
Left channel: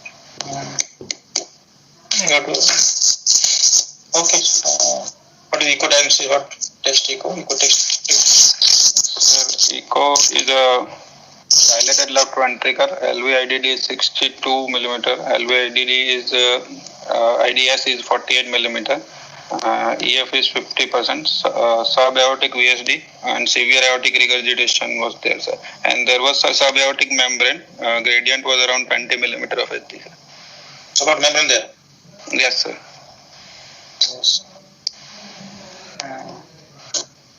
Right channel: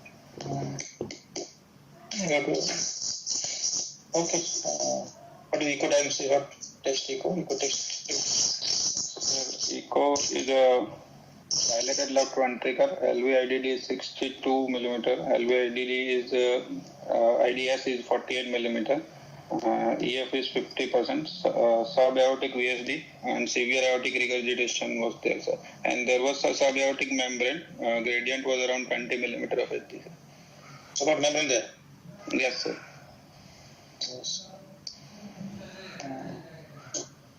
Okay. What is echo diagnosis? What test echo? Echo test. Echo is a dilated left ventricle. LV-IDD is 62 millimeter. LV-IDD is IDS is 48 millimeter. EF is 50%, subaortic VSD and severe aortic regurgitation was there, sir. And there was a subaortic membrane, gradient was around 20 millimeter of HD. So what membrane there? Yes, sir. Yes.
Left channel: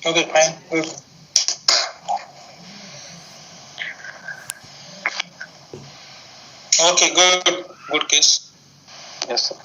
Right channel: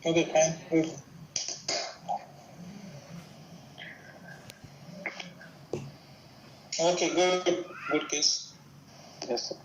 Okay, fine. Good. Okay, good case. Yes, sir.